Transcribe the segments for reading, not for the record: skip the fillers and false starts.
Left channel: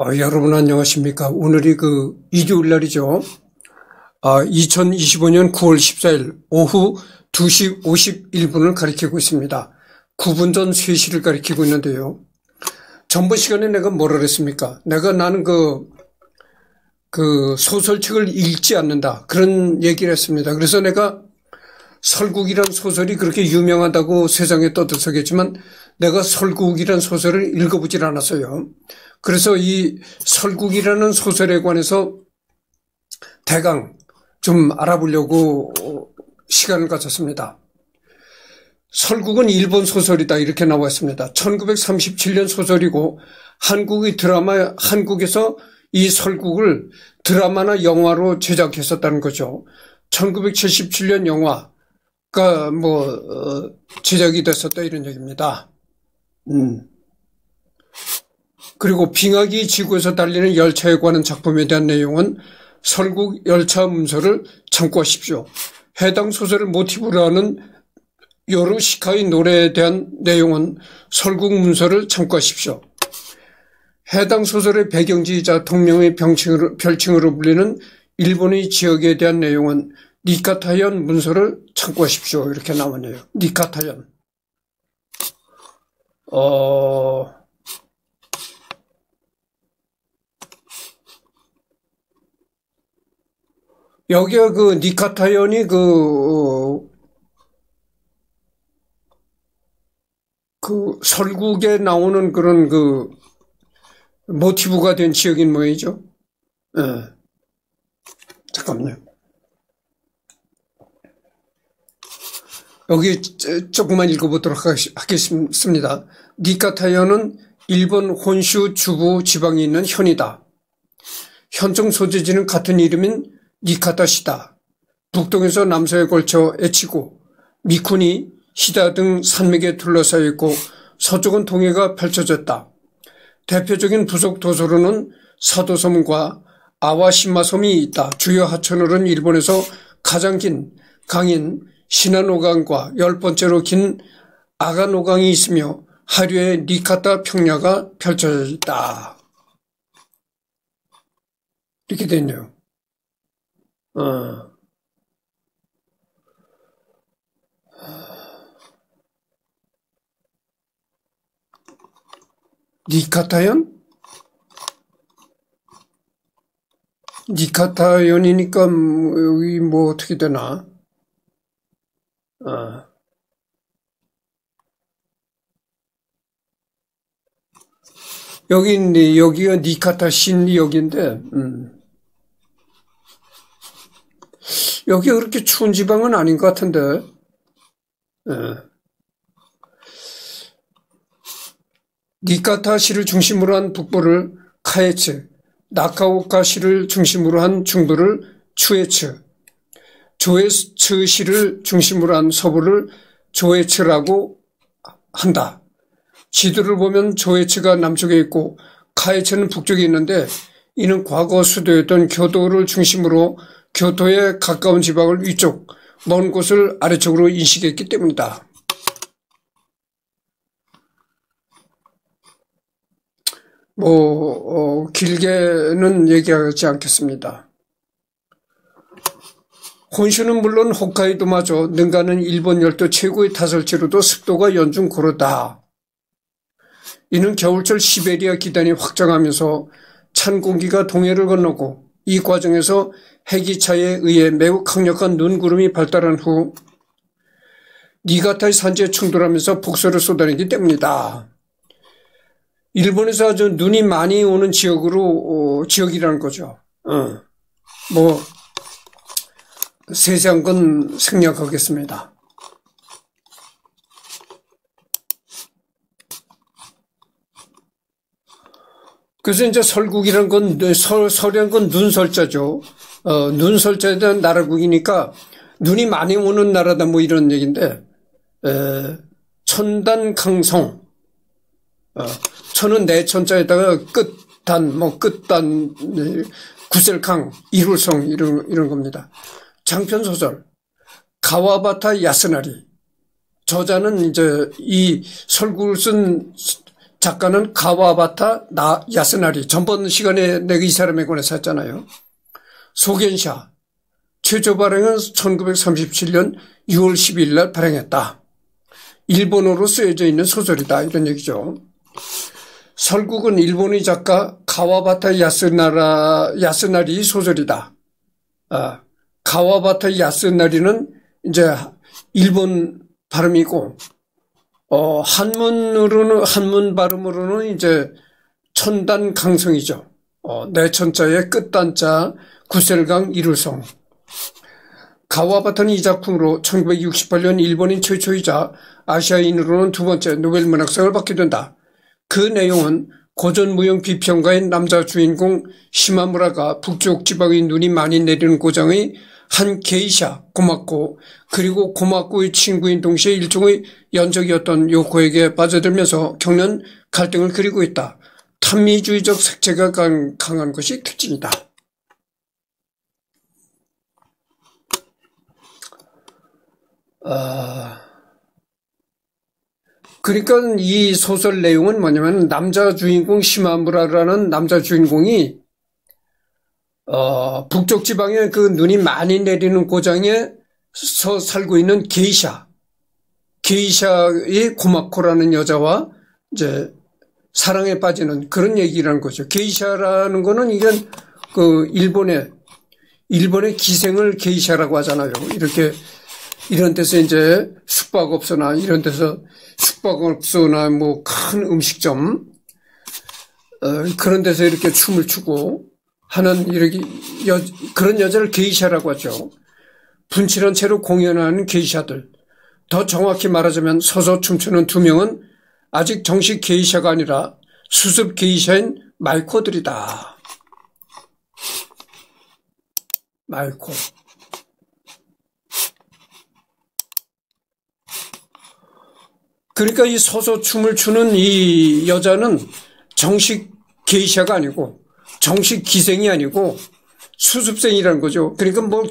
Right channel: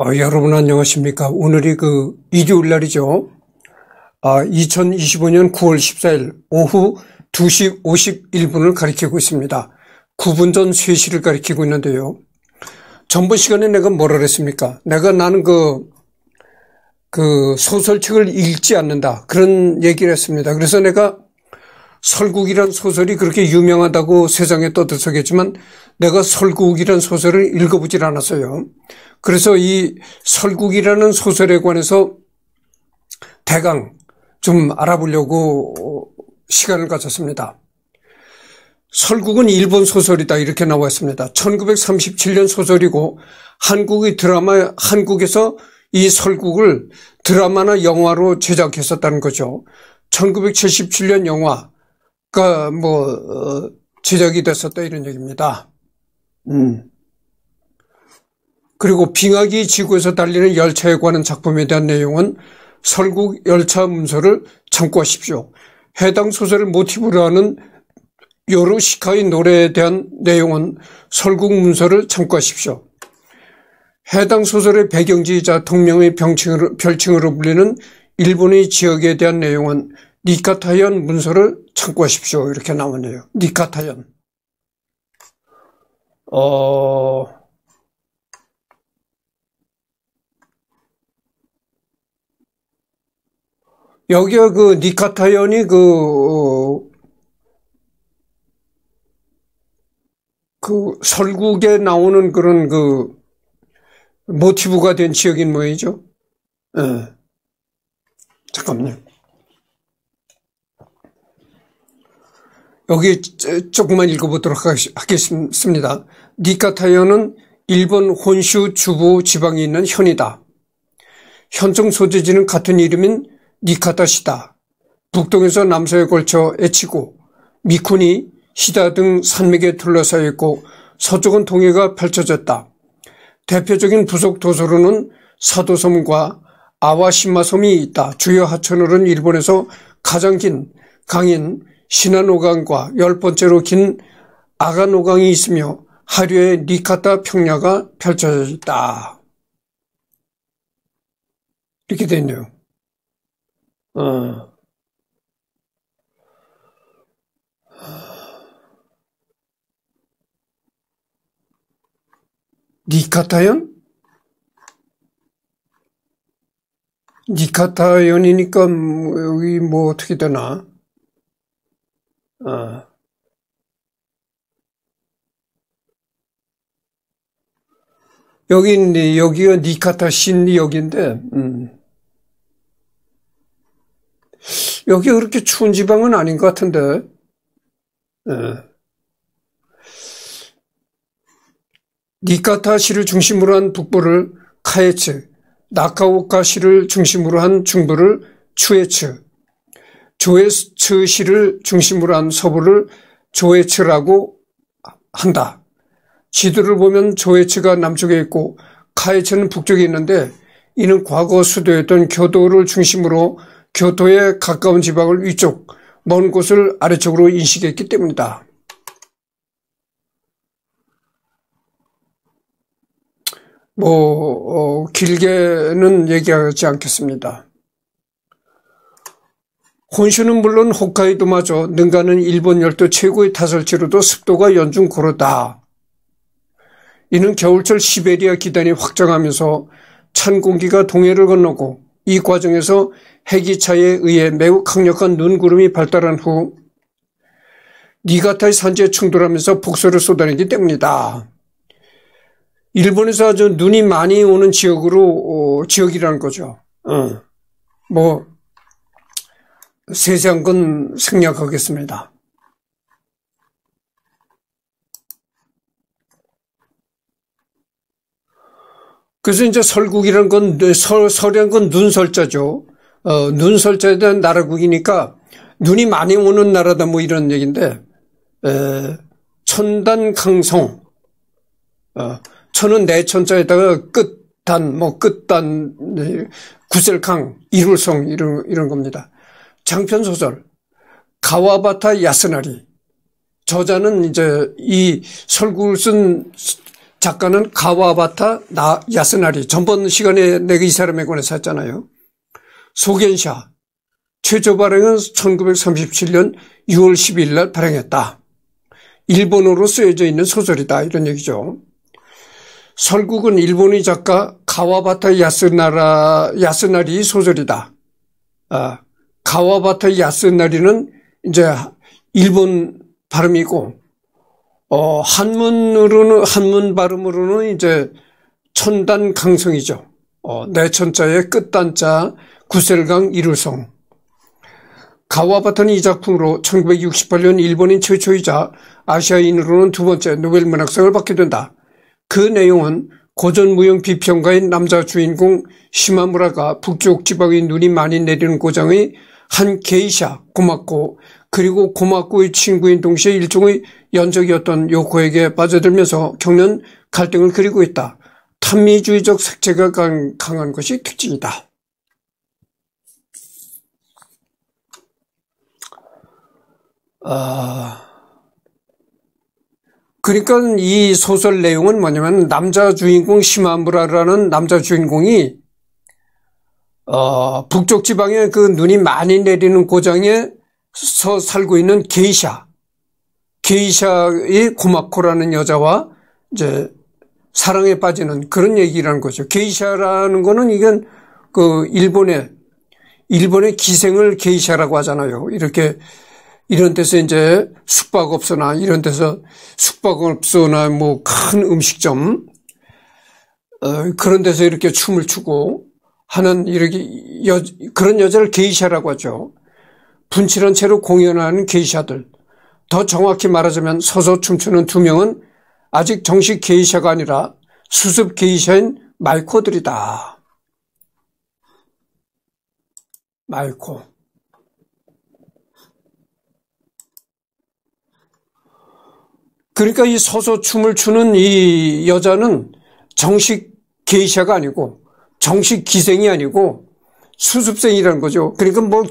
여러분 안녕하십니까. 오늘이 일요일 날이죠. 2025년 9월 14일 오후 2시 51분을 가리키고 있습니다. 9분 전 3시를 가리키고 있는데요. 전번 시간에 내가 뭐라 그랬습니까? 나는 소설책을 읽지 않는다. 그런 얘기를 했습니다. 그래서 내가 설국이란 소설이 그렇게 유명하다고 세상에 떠들썩했지만 내가 설국이란 소설을 읽어보질 않았어요. 그래서 이 설국이라는 소설에 관해서 대강 좀 알아보려고 시간을 가졌습니다. 설국은 일본 소설이다 이렇게 나와 있습니다. 1937년 소설이고 한국에서 이 설국을 드라마나 영화로 제작했었다는 거죠. 1977년 영화가 제작이 됐었다 이런 얘기입니다. 그리고 빙하기 지구에서 달리는 열차에 관한 작품에 대한 내용은 설국 열차 문서를 참고하십시오. 해당 소설을 모티브로 하는 요르시카의 노래에 대한 내용은 설국 문서를 참고하십시오. 해당 소설의 배경지이자 동명의 별칭으로 불리는 일본의 지역에 대한 내용은 니카타현 문서를 참고하십시오. 이렇게 나오네요. 니카타현. 여기가 니카타현이 설국에 나오는 그런 모티브가 된 지역인 모양이죠. 잠깐만요. 여기 조금만 읽어보도록 하겠습니다. 니카타현은 일본 혼슈 주부 지방에 있는 현이다. 현청 소재지는 같은 이름인 니카타시다. 북동에서 남서에 걸쳐 에치고 미쿠니, 시다 등 산맥에 둘러싸여 있고 서쪽은 동해가 펼쳐졌다. 대표적인 부속 도서로는 사도섬과 아와시마섬이 있다. 주요 하천으로는 일본에서 가장 긴 강인 시나노강과 10번째로 긴 아가노강이 있으며 하류에 니카타 평야가 펼쳐져 있다. 이렇게 되어 있네요. 니카타현? 니카타현이니까 여기 어떻게 되나? 여기가 니카타 신리역인데, 여기가 그렇게 추운 지방은 아닌 것 같은데, 니카타시를 중심으로 한 북부를 카에츠, 나카오카시를 중심으로 한 중부를 추에츠, 조에츠시를 중심으로 한 서부를 조에츠라고 한다. 지도를 보면 조에츠가 남쪽에 있고 카에츠는 북쪽에 있는데 이는 과거 수도였던 교토를 중심으로 교토에 가까운 지방을 위쪽, 먼 곳을 아래쪽으로 인식했기 때문이다. 길게는 얘기하지 않겠습니다. 혼슈는 물론 홋카이도마저 능가는 일본 열도 최고의 타설지로도 습도가 연중 고르다. 이는 겨울철 시베리아 기단이 확장하면서 찬 공기가 동해를 건너고 이 과정에서 해기차에 의해 매우 강력한 눈구름이 발달한 후 니가타의 산지에 충돌하면서 폭설을 쏟아내기 때문이다. 일본에서 아주 눈이 많이 오는 지역이라는 거죠. 세세한 건 생략하겠습니다. 그래서 이제 설국이라는 건, 설이란 건 눈설자죠. 눈설자에 대한 나라국이니까 눈이 많이 오는 나라다 이런 얘기인데, 천단강성, 천은 내천자에다가 끝단, 구셀강, 이룰성, 이런 겁니다. 장편소설, 가와바타 야스나리. 저자는 이제 이 설국을 쓴 작가는 가와바타 야스나리. 전번 시간에 내가 이 사람에 관해서 했잖아요. 소겐샤. 최초 발행은 1937년 6월 12일 날 발행했다. 일본어로 쓰여져 있는 소설이다. 이런 얘기죠. 설국은 일본의 작가 가와바타 야스나리 소설이다. 가와바타 야스나리는 이제 일본 발음이고, 한문 발음으로는 이제 천단 강성이죠. 내천자의 끝단자 구셀강 이루성. 가와바타는 이 작품으로 1968년 일본인 최초이자 아시아인으로는 두 번째 노벨 문학상을 받게 된다. 그 내용은 고전무용 비평가인 남자 주인공 시마무라가 북쪽 지방의 눈이 많이 내리는 고장의 한 게이샤 고마코, 그리고 고마코의 친구인 동시에 일종의 연적이었던 요코에게 빠져들면서 겪는 갈등을 그리고 있다. 탐미주의적 색채가 강한 것이 특징이다. 그러니까 이 소설 내용은 뭐냐면 남자 주인공 시마무라라는 남자 주인공이 북쪽 지방에 그 눈이 많이 내리는 고장에서 살고 있는 게이샤의 고마코라는 여자와 이제 사랑에 빠지는 그런 얘기라는 거죠. 게이샤라는 거는 이건 그 일본의 기생을 게이샤라고 하잖아요. 이런 데서 이제 숙박업소나 이런 데서 숙박업소나 뭐 큰 음식점 그런 데서 이렇게 춤을 추고 하는 그런 여자를 게이샤라고 하죠. 분칠한 채로 공연하는 게이샤들. 더 정확히 말하자면 서서 춤추는 두 명은 아직 정식 게이샤가 아니라 수습 게이샤인 마이코들이다. 마이코. 그러니까 이 서서 춤을 추는 이 여자는 정식 게이샤가 아니고 정식 기생이 아니고 수습생이라는 거죠. 그러니까 뭐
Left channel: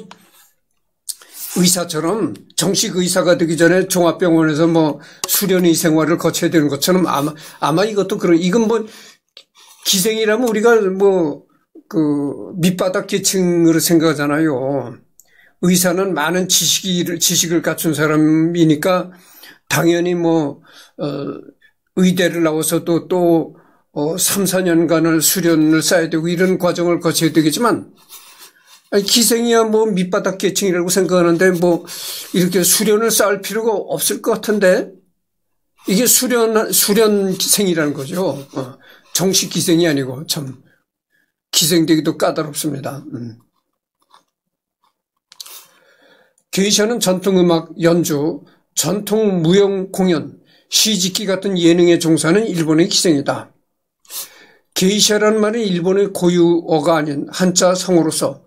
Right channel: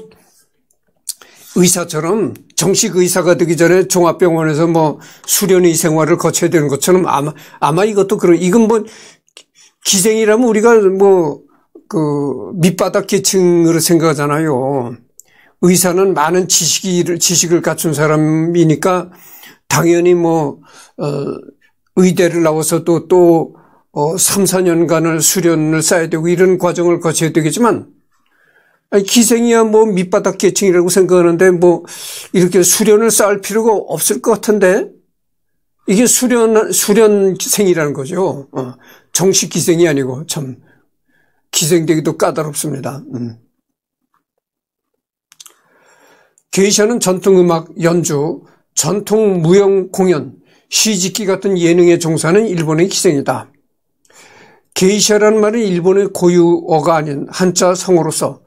의사처럼 정식 의사가 되기 전에 종합병원에서 뭐 수련의 생활을 거쳐야 되는 것처럼 아마 이것도 이건 뭐 기생이라면 우리가 뭐 그 밑바닥 계층으로 생각하잖아요. 의사는 많은 지식을 갖춘 사람이니까 당연히 뭐 의대를 나와서 또 3, 4년간을 수련을 쌓아야 되고 이런 과정을 거쳐야 되겠지만 기생이야 뭐 밑바닥 계층이라고 생각하는데 뭐 이렇게 수련을 쌓을 필요가 없을 것 같은데 이게 수련생이라는 거죠. 정식 기생이 아니고 참 기생되기도 까다롭습니다. 게이샤는 전통음악 연주, 전통 무용 공연, 시짓기 같은 예능에 종사하는 일본의 기생이다. 게이샤라는 말은 일본의 고유어가 아닌 한자 성어로서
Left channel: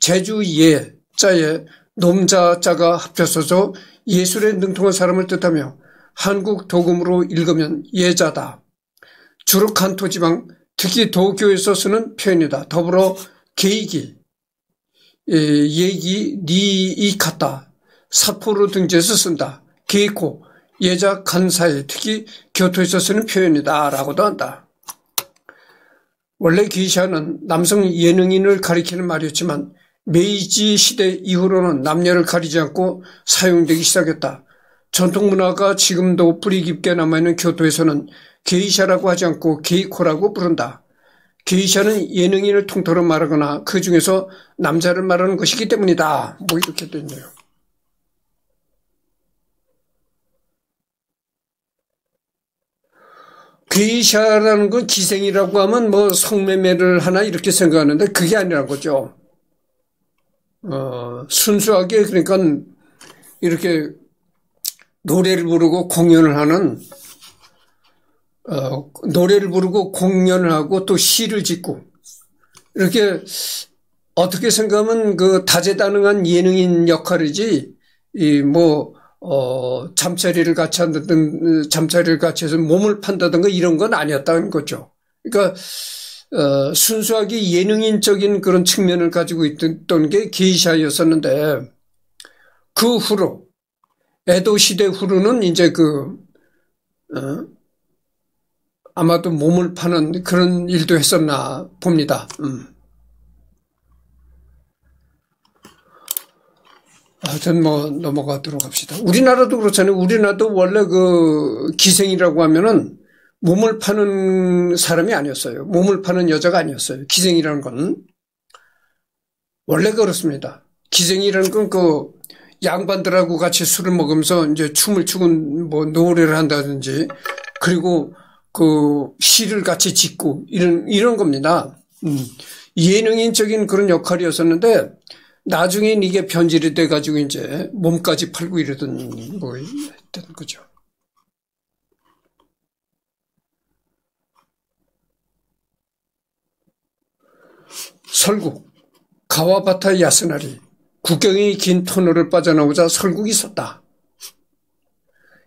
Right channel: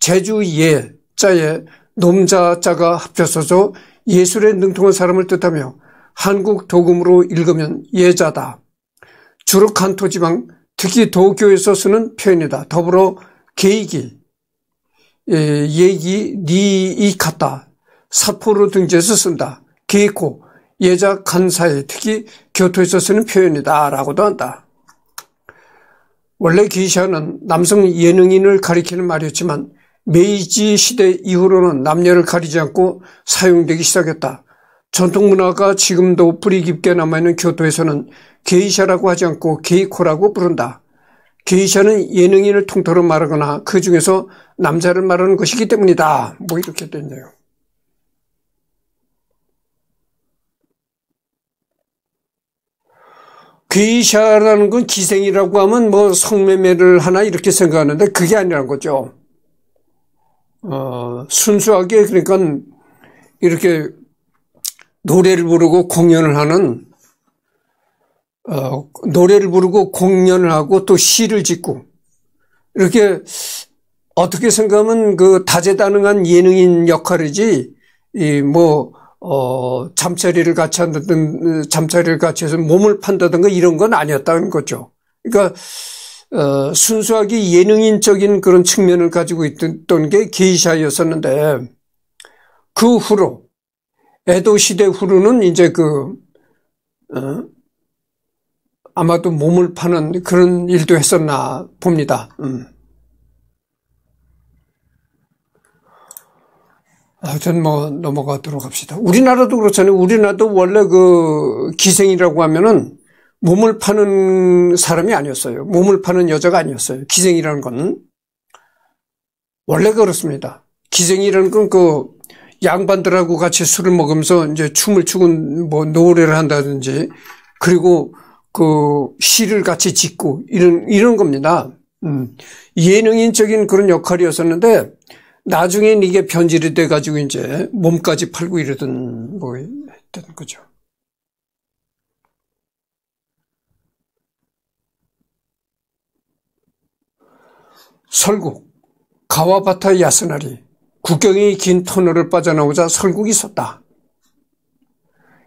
제주 예자에 놈자자가 합쳐서져 예술에 능통한 사람을 뜻하며 한국 도금으로 읽으면 예자다. 주로 간토 지방, 특히 도쿄에서 쓰는 표현이다. 더불어 게이기, 예기, 니이카타, 사포로 등지에서 쓴다. 게이코, 예자 간사에 특히 교토에서 쓰는 표현이다. 라고도 한다. 원래 게이샤는 남성 예능인을 가리키는 말이었지만 메이지 시대 이후로는 남녀를 가리지 않고 사용되기 시작했다. 전통문화가 지금도 뿌리 깊게 남아있는 교토에서는 게이샤라고 하지 않고 게이코라고 부른다. 게이샤는 예능인을 통틀어 말하거나 그 중에서 남자를 말하는 것이기 때문이다. 뭐 이렇게 됐네요. 게이샤라는 건 기생이라고 하면 뭐 성매매를 하나 이렇게 생각하는데 그게 아니란 거죠. 순수하게 그러니까 이렇게 노래를 부르고 공연을 하는 노래를 부르고 공연을 하고 또 시를 짓고 이렇게 어떻게 생각하면 그 다재다능한 예능인 역할이지 잠자리를 같이 한다든 잠자리를 같이 해서 몸을 판다든가 이런 건 아니었다는 거죠. 그러니까 순수하게 예능인적인 그런 측면을 가지고 있던 게 게이샤였었는데 그 후로 에도 시대 후로는 이제 아마도 몸을 파는 그런 일도 했었나 봅니다. 하여튼 뭐 넘어가도록 합시다. 우리나라도 그렇잖아요. 우리나라도 원래 그 기생이라고 하면은 몸을 파는 사람이 아니었어요. 몸을 파는 여자가 아니었어요. 기생이라는 건. 원래 그렇습니다. 기생이라는 건 그 양반들하고 같이 술을 먹으면서 이제 춤을 추고 뭐 노래를 한다든지 그리고 그 시를 같이 짓고 이런 겁니다. 예능인적인 그런 역할이었었는데 나중엔 이게 변질이 돼가지고 이제 몸까지 팔고 이러던 뭐 했던 거죠. 설국, 가와바타 야스나리, 국경이 긴 터널을 빠져나오자 설국이 섰다.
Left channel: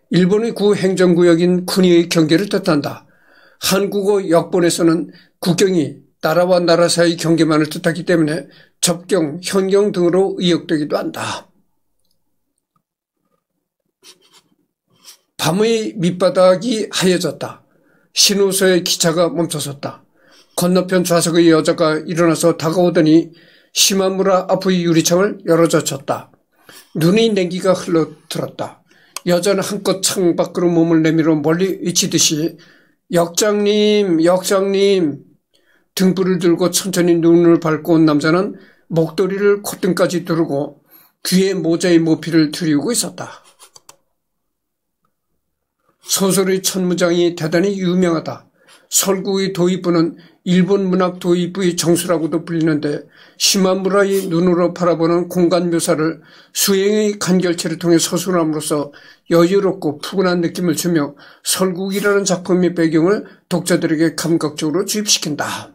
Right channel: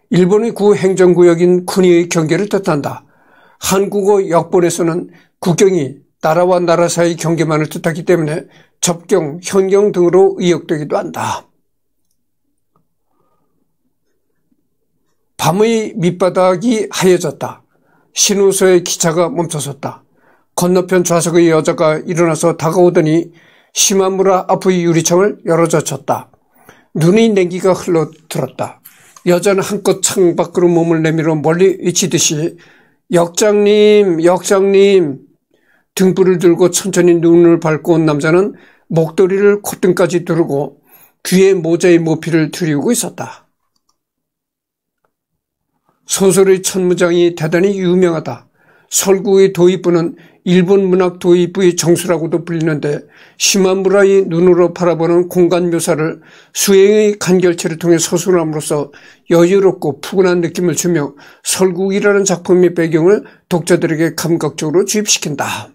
일본의 구 행정구역인 쿠니의 경계를 뜻한다. 한국어 역본에서는 국경이 나라와 나라 사이 경계만을 뜻하기 때문에 접경, 현경 등으로 의역되기도 한다. 밤의 밑바닥이 하얘졌다. 신호소의 기차가 멈춰섰다. 건너편 좌석의 여자가 일어나서 다가오더니 시마무라 앞의 유리창을 열어젖혔다. 눈의 냉기가 흘러들었다. 여자는 한껏 창밖으로 몸을 내밀어 멀리 외치듯이 역장님, 역장님. 등불을 들고 천천히 눈을 밟고 온 남자는 목도리를 콧등까지 두르고 귀에 모자의 모피를 들이우고 있었다. 소설의 천무장이 대단히 유명하다. 설국의 도입부는 일본 문학 도입부의 정수라고도 불리는데 시마무라의 눈으로 바라보는 공간 묘사를 수행의 간결체를 통해 서술함으로써 여유롭고 푸근한 느낌을 주며 설국이라는 작품의 배경을 독자들에게 감각적으로 주입시킨다.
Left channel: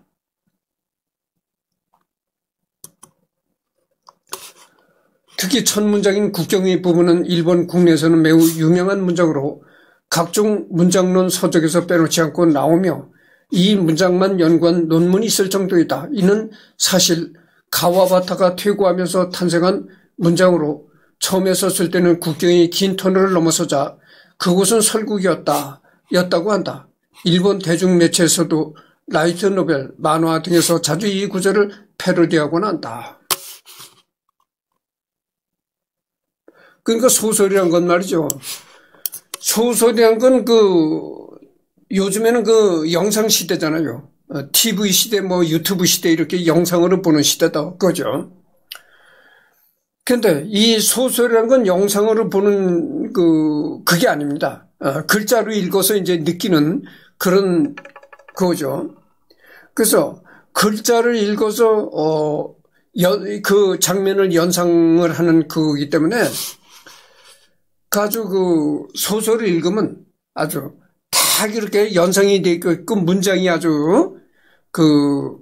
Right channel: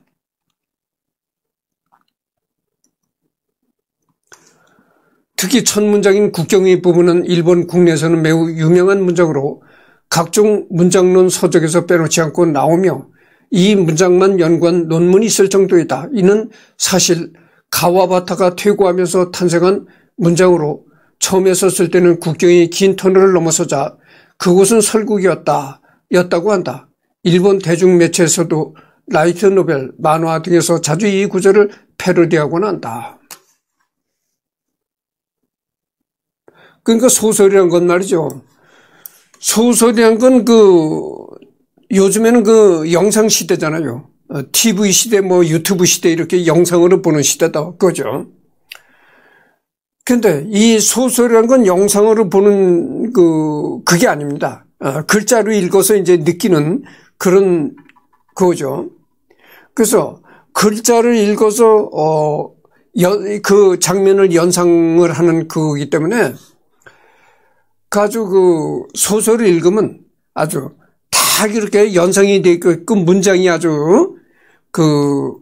특히 첫 문장인 국경의 부분은 일본 국내에서는 매우 유명한 문장으로 각종 문장론 서적에서 빼놓지 않고 나오며 이 문장만 연구한 논문이 있을 정도이다. 이는 사실 가와바타가 퇴고하면서 탄생한 문장으로 처음에 썼을 때는 국경이 긴 터널을 넘어서자 그곳은 설국이었다고 한다. 일본 대중매체에서도 라이트 노벨, 만화 등에서 자주 이 구절을 패러디하곤 한다. 그러니까 소설이란 건 말이죠. 소설이란 건 요즘에는 영상 시대잖아요. TV 시대, 유튜브 시대 이렇게 영상으로 보는 시대다. 그죠? 근데 이 소설이란 건 영상으로 보는 그게 아닙니다. 글자로 읽어서 이제 느끼는 그런 거죠. 그래서 글자를 읽어서, 그 장면을 연상을 하는 거기 때문에 아주 소설을 읽으면 아주 딱 이렇게 연상이 되어 있고 문장이 아주 그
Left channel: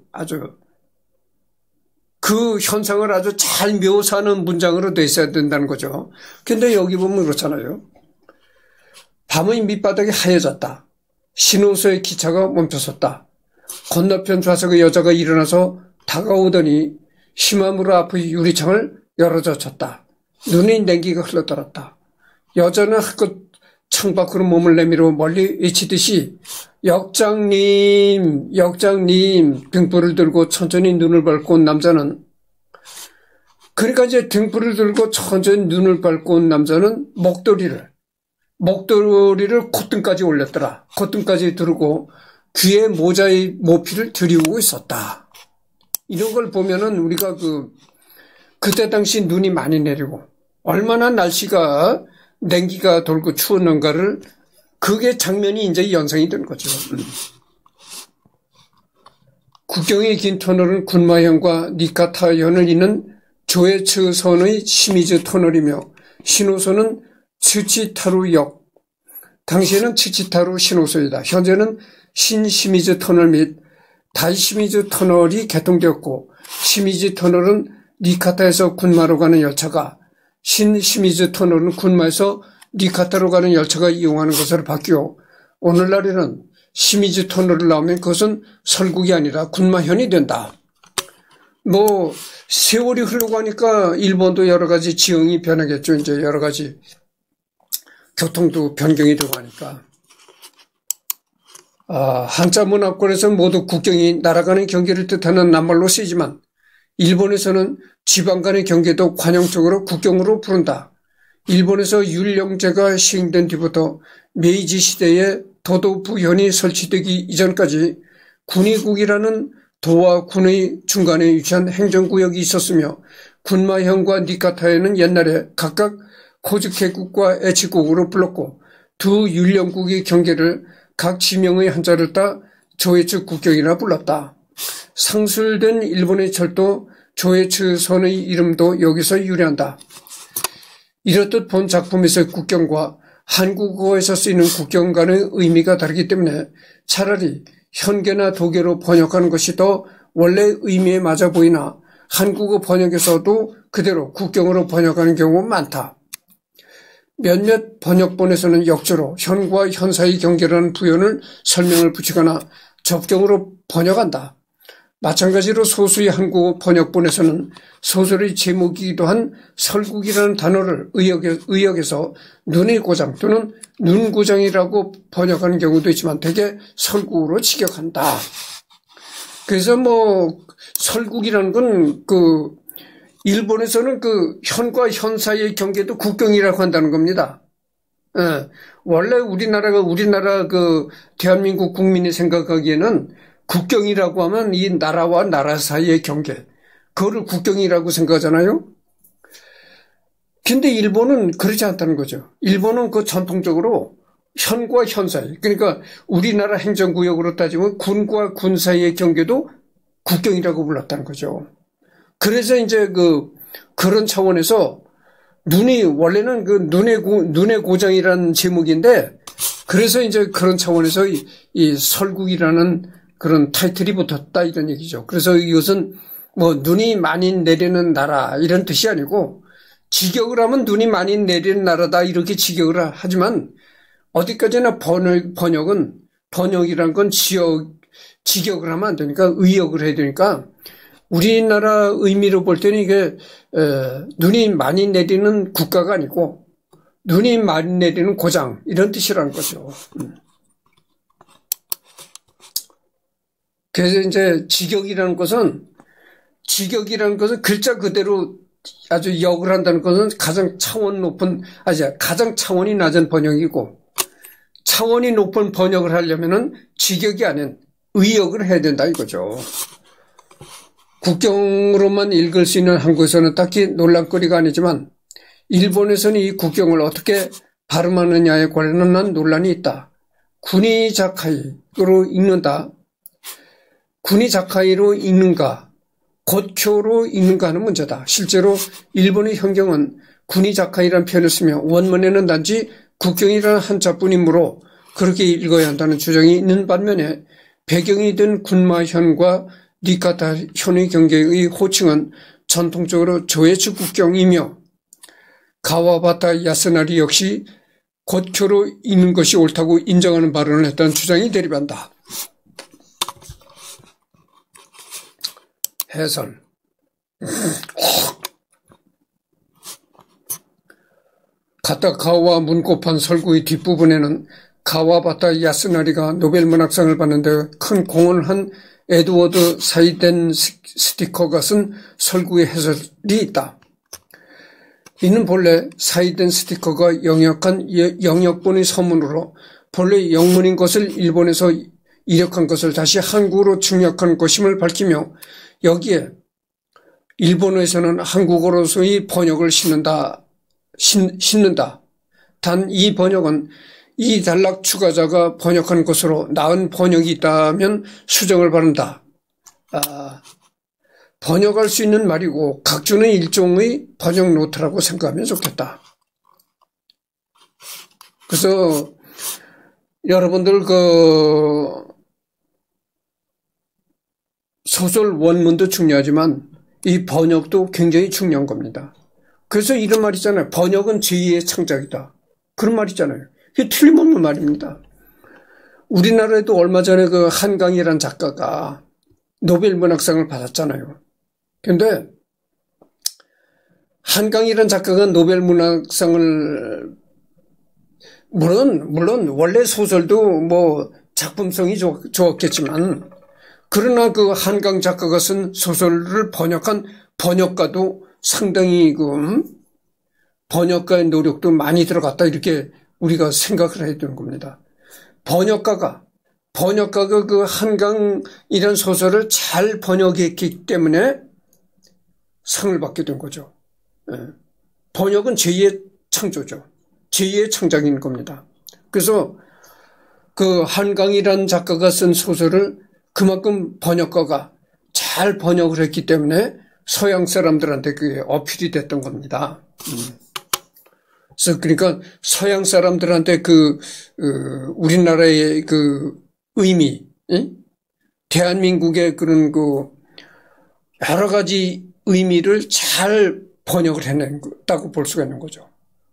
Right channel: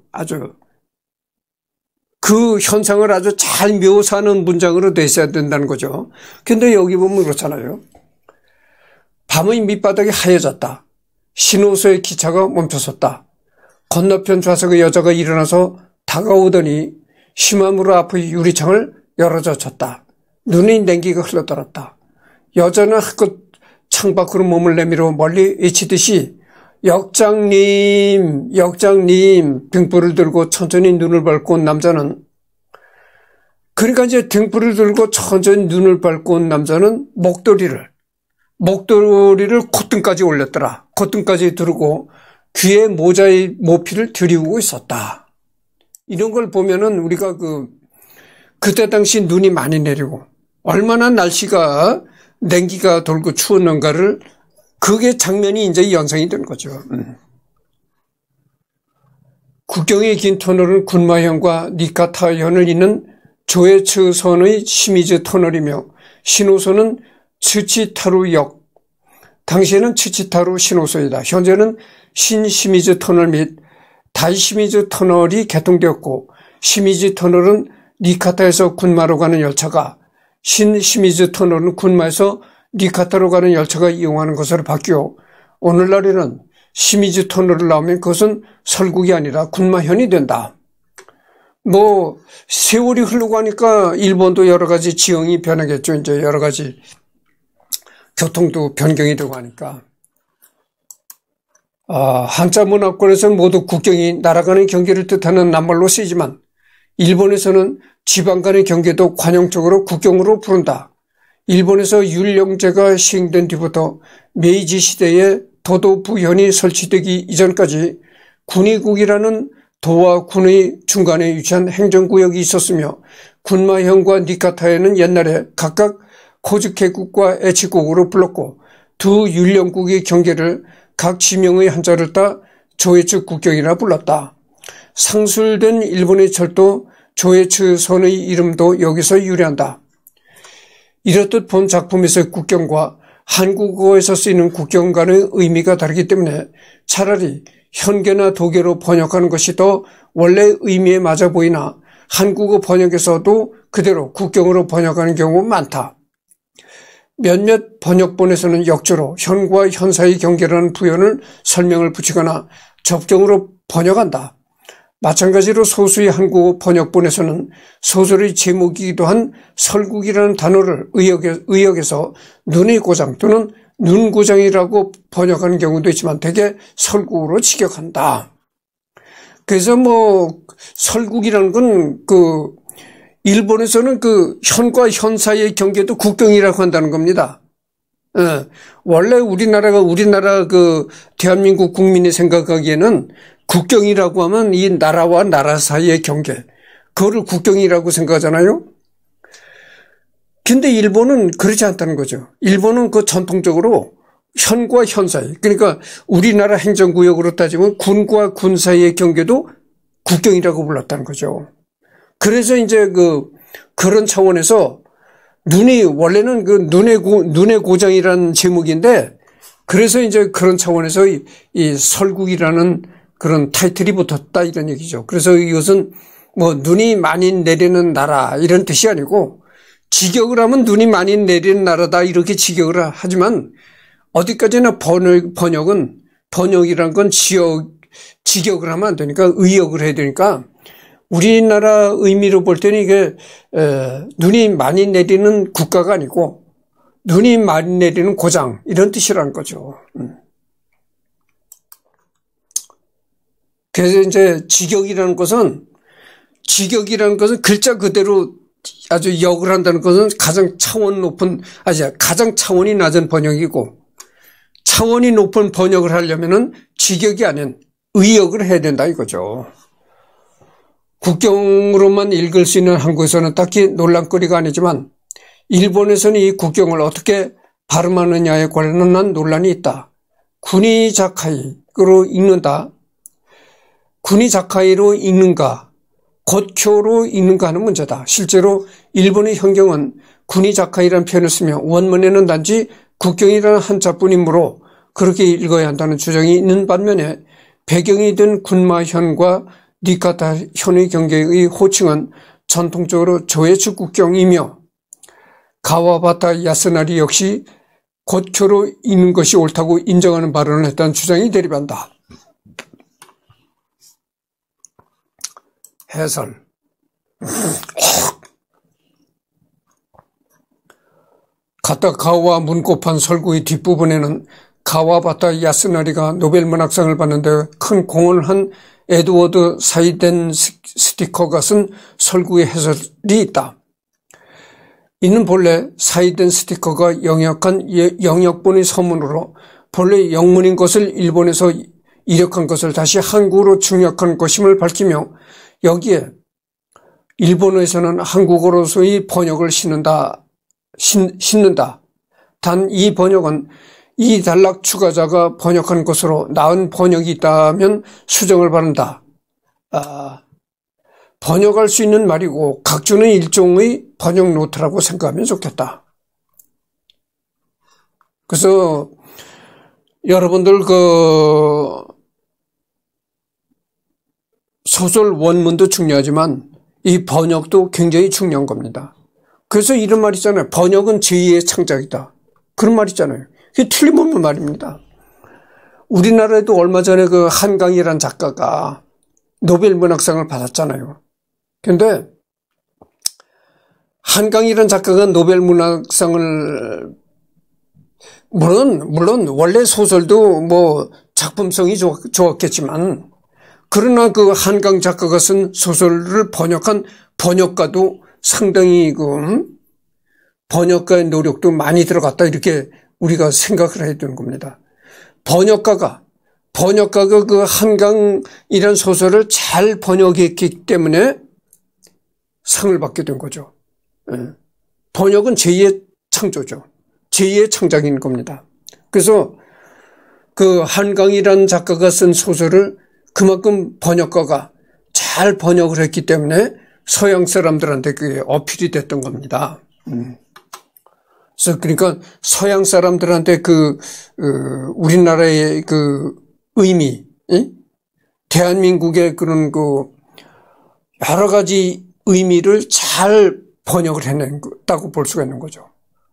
현상을 아주 잘 묘사하는 문장으로 돼 있어야 된다는 거죠. 근데 여기 보면 그렇잖아요. 밤의 밑바닥이 하얘졌다. 신호소의 기차가 멈춰섰다. 건너편 좌석의 여자가 일어나서 다가오더니 시마무라 앞의 유리창을 열어젖혔다. 눈의 냉기가 흘러들었다. 여자는 한껏 창밖으로 몸을 내밀어 멀리 외치듯이 역장님, 역장님 등불을 들고 천천히 눈을 밟고 온 남자는 그러니까 이제 등불을 들고 천천히 눈을 밟고 온 남자는 목도리를 콧등까지 올렸더라. 콧등까지 두르고 귀에 모자의 모피를 들이우고 있었다. 이런 걸 보면은 우리가 그때 당시 눈이 많이 내리고 얼마나 날씨가 냉기가 돌고 추웠는가를 그게 장면이 이제 연상이 된 거죠. 국경의 긴 터널은 군마현과 니카타현을 잇는 조에츠선의 시미즈 터널이며 신호소는 츠치타루역, 당시에는 츠치타루 신호소이다. 현재는 신시미즈 터널 및 다이시미즈 터널이 개통되었고 시미즈 터널은 니카타에서 군마로 가는 열차가 신시미즈 터널은 군마에서 니카타로 가는 열차가 이용하는 것으로 바뀌어 오늘날에는 시미즈 터널을 나오면 그것은 설국이 아니라 군마현이 된다. 세월이 흐르고 하니까 일본도 여러 가지 지형이 변하겠죠. 이제 여러 가지 교통도 변경이 되고 하니까. 한자 문화권에서는 모두 국경이 날아가는 경계를 뜻하는 낱말로 쓰이지만 일본에서는 지방 간의 경계도 관용적으로 국경으로 부른다. 일본에서 율령제가 시행된 뒤부터 메이지 시대에 도도 부현이 설치되기 이전까지 군의국이라는 도와 군의 중간에 위치한 행정구역이 있었으며 군마현과 니카타에는 옛날에 각각 코즈케국과 에치국으로 불렀고 두 율령국의 경계를 각 지명의 한자를 따 조에츠 국경이라 불렀다. 상술된 일본의 철도 조에츠 선의 이름도 여기서 유래한다. 이렇듯 본 작품에서의 국경과 한국어에서 쓰이는 국경 간의 의미가 다르기 때문에 차라리 현계나 도계로 번역하는 것이 더 원래 의미에 맞아 보이나 한국어 번역에서도 그대로 국경으로 번역하는 경우가 많다. 몇몇 번역본에서는 역조로 현과 현 사이 경계라는 부연을 설명을 붙이거나 접경으로 번역한다. 마찬가지로 소수의 한국어 번역본에서는 소설의 제목이기도 한 설국이라는 단어를 의역에서 눈의 고장 또는 눈고장이라고 번역하는 경우도 있지만 대개 설국으로 직역한다. 그래서 설국이라는 건 일본에서는 현과 현 사이의 경계도 국경이라고 한다는 겁니다. 예, 원래 우리나라 대한민국 국민이 생각하기에는 국경이라고 하면 이 나라와 나라 사이의 경계, 그거를 국경이라고 생각하잖아요. 근데 일본은 그렇지 않다는 거죠. 일본은 전통적으로 현과 현 사이, 그러니까 우리나라 행정구역으로 따지면 군과 군 사이의 경계도 국경이라고 불렀다는 거죠. 그래서 이제 그런 차원에서 원래는 눈의 고장이라는 제목인데, 그래서 이제 그런 차원에서 이 설국이라는 그런 타이틀이 붙었다 이런 얘기죠. 그래서 이것은 눈이 많이 내리는 나라 이런 뜻이 아니고 직역을 하면 눈이 많이 내리는 나라다 이렇게 직역을 하지만 어디까지나 번역이란 건 직역을 하면 안 되니까 의역을 해야 되니까 우리나라 의미로 볼 때는 이게 눈이 많이 내리는 국가가 아니고 눈이 많이 내리는 고장 이런 뜻이라는 거죠. 그래서 이제 직역이라는 것은 글자 그대로 아주 역을 한다는 것은 가장 차원이 낮은 번역이고 차원이 높은 번역을 하려면은 직역이 아닌 의역을 해야 된다 이거죠. 국경으로만 읽을 수 있는 한국에서는 딱히 논란거리가 아니지만 일본에서는 이 국경을 어떻게 발음하느냐에 관련한 논란이 있다. 구니자카이로 읽는다. 구니자카이로 읽는가 고쿄로 읽는가 하는 문제다. 실제로 일본의 현경은 구니자카이라는 표현을 쓰며 원문에는 단지 국경이라는 한자뿐이므로 그렇게 읽어야 한다는 주장이 있는 반면에 배경이 된 군마현과 니카타 현의 경계의 호칭은 전통적으로 조에츠 국경이며 가와바타 야스나리 역시 고쿄로 읽는 것이 옳다고 인정하는 발언을 했다는 주장이 대립한다. 해설. 가타카와 문고판 설구의 뒷부분에는 가와바타 야스나리가 노벨 문학상을 받는데 큰 공헌을 한 에드워드 사이덴 스티커가 쓴 설구의 해설이 있다. 이는 본래 사이덴 스티커가 영역본의 서문으로 본래 영문인 것을 일본에서 이력한 것을 다시 한국어로 중역한 것임을 밝히며 여기에 일본어에서는 한국어로서의 번역을 싣는다. 단 이 번역은 이 단락 추가자가 번역한 것으로 나은 번역이 있다면 수정을 바란다. 번역할 수 있는 말이고 각주는 일종의 번역 노트라고 생각하면 좋겠다. 그래서 여러분들 소설 원문도 중요하지만 이 번역도 굉장히 중요한 겁니다. 그래서 이런 말 있잖아요. 번역은 제2의 창작이다. 그런 말 있잖아요. 그게 틀림없는 말입니다. 우리나라에도 얼마 전에 한강이라는 작가가 노벨 문학상을 받았잖아요. 그런데 한강이라는 작가가 노벨 문학상을 물론 원래 소설도 작품성이 좋았겠지만 그러나 그 한강 작가가 쓴 소설을 번역한 번역가도 상당히 그 번역가의 노력도 많이 들어갔다 이렇게 우리가 생각을 해야 되는 겁니다. 번역가가 그 한강이라는 소설을 잘 번역했기 때문에 상을 받게 된 거죠. 번역은 제2의 창조죠. 제2의 창작인 겁니다. 그래서 그 한강이라는 작가가 쓴 소설을 그만큼 번역가가 잘 번역을 했기 때문에 서양 사람들한테 그게 어필이 됐던 겁니다. 그래서 그러니까 서양 사람들한테 우리나라의 그 의미, 대한민국의 그런 그 여러 가지 의미를 잘 번역을 해냈다고 볼 수가 있는 거죠.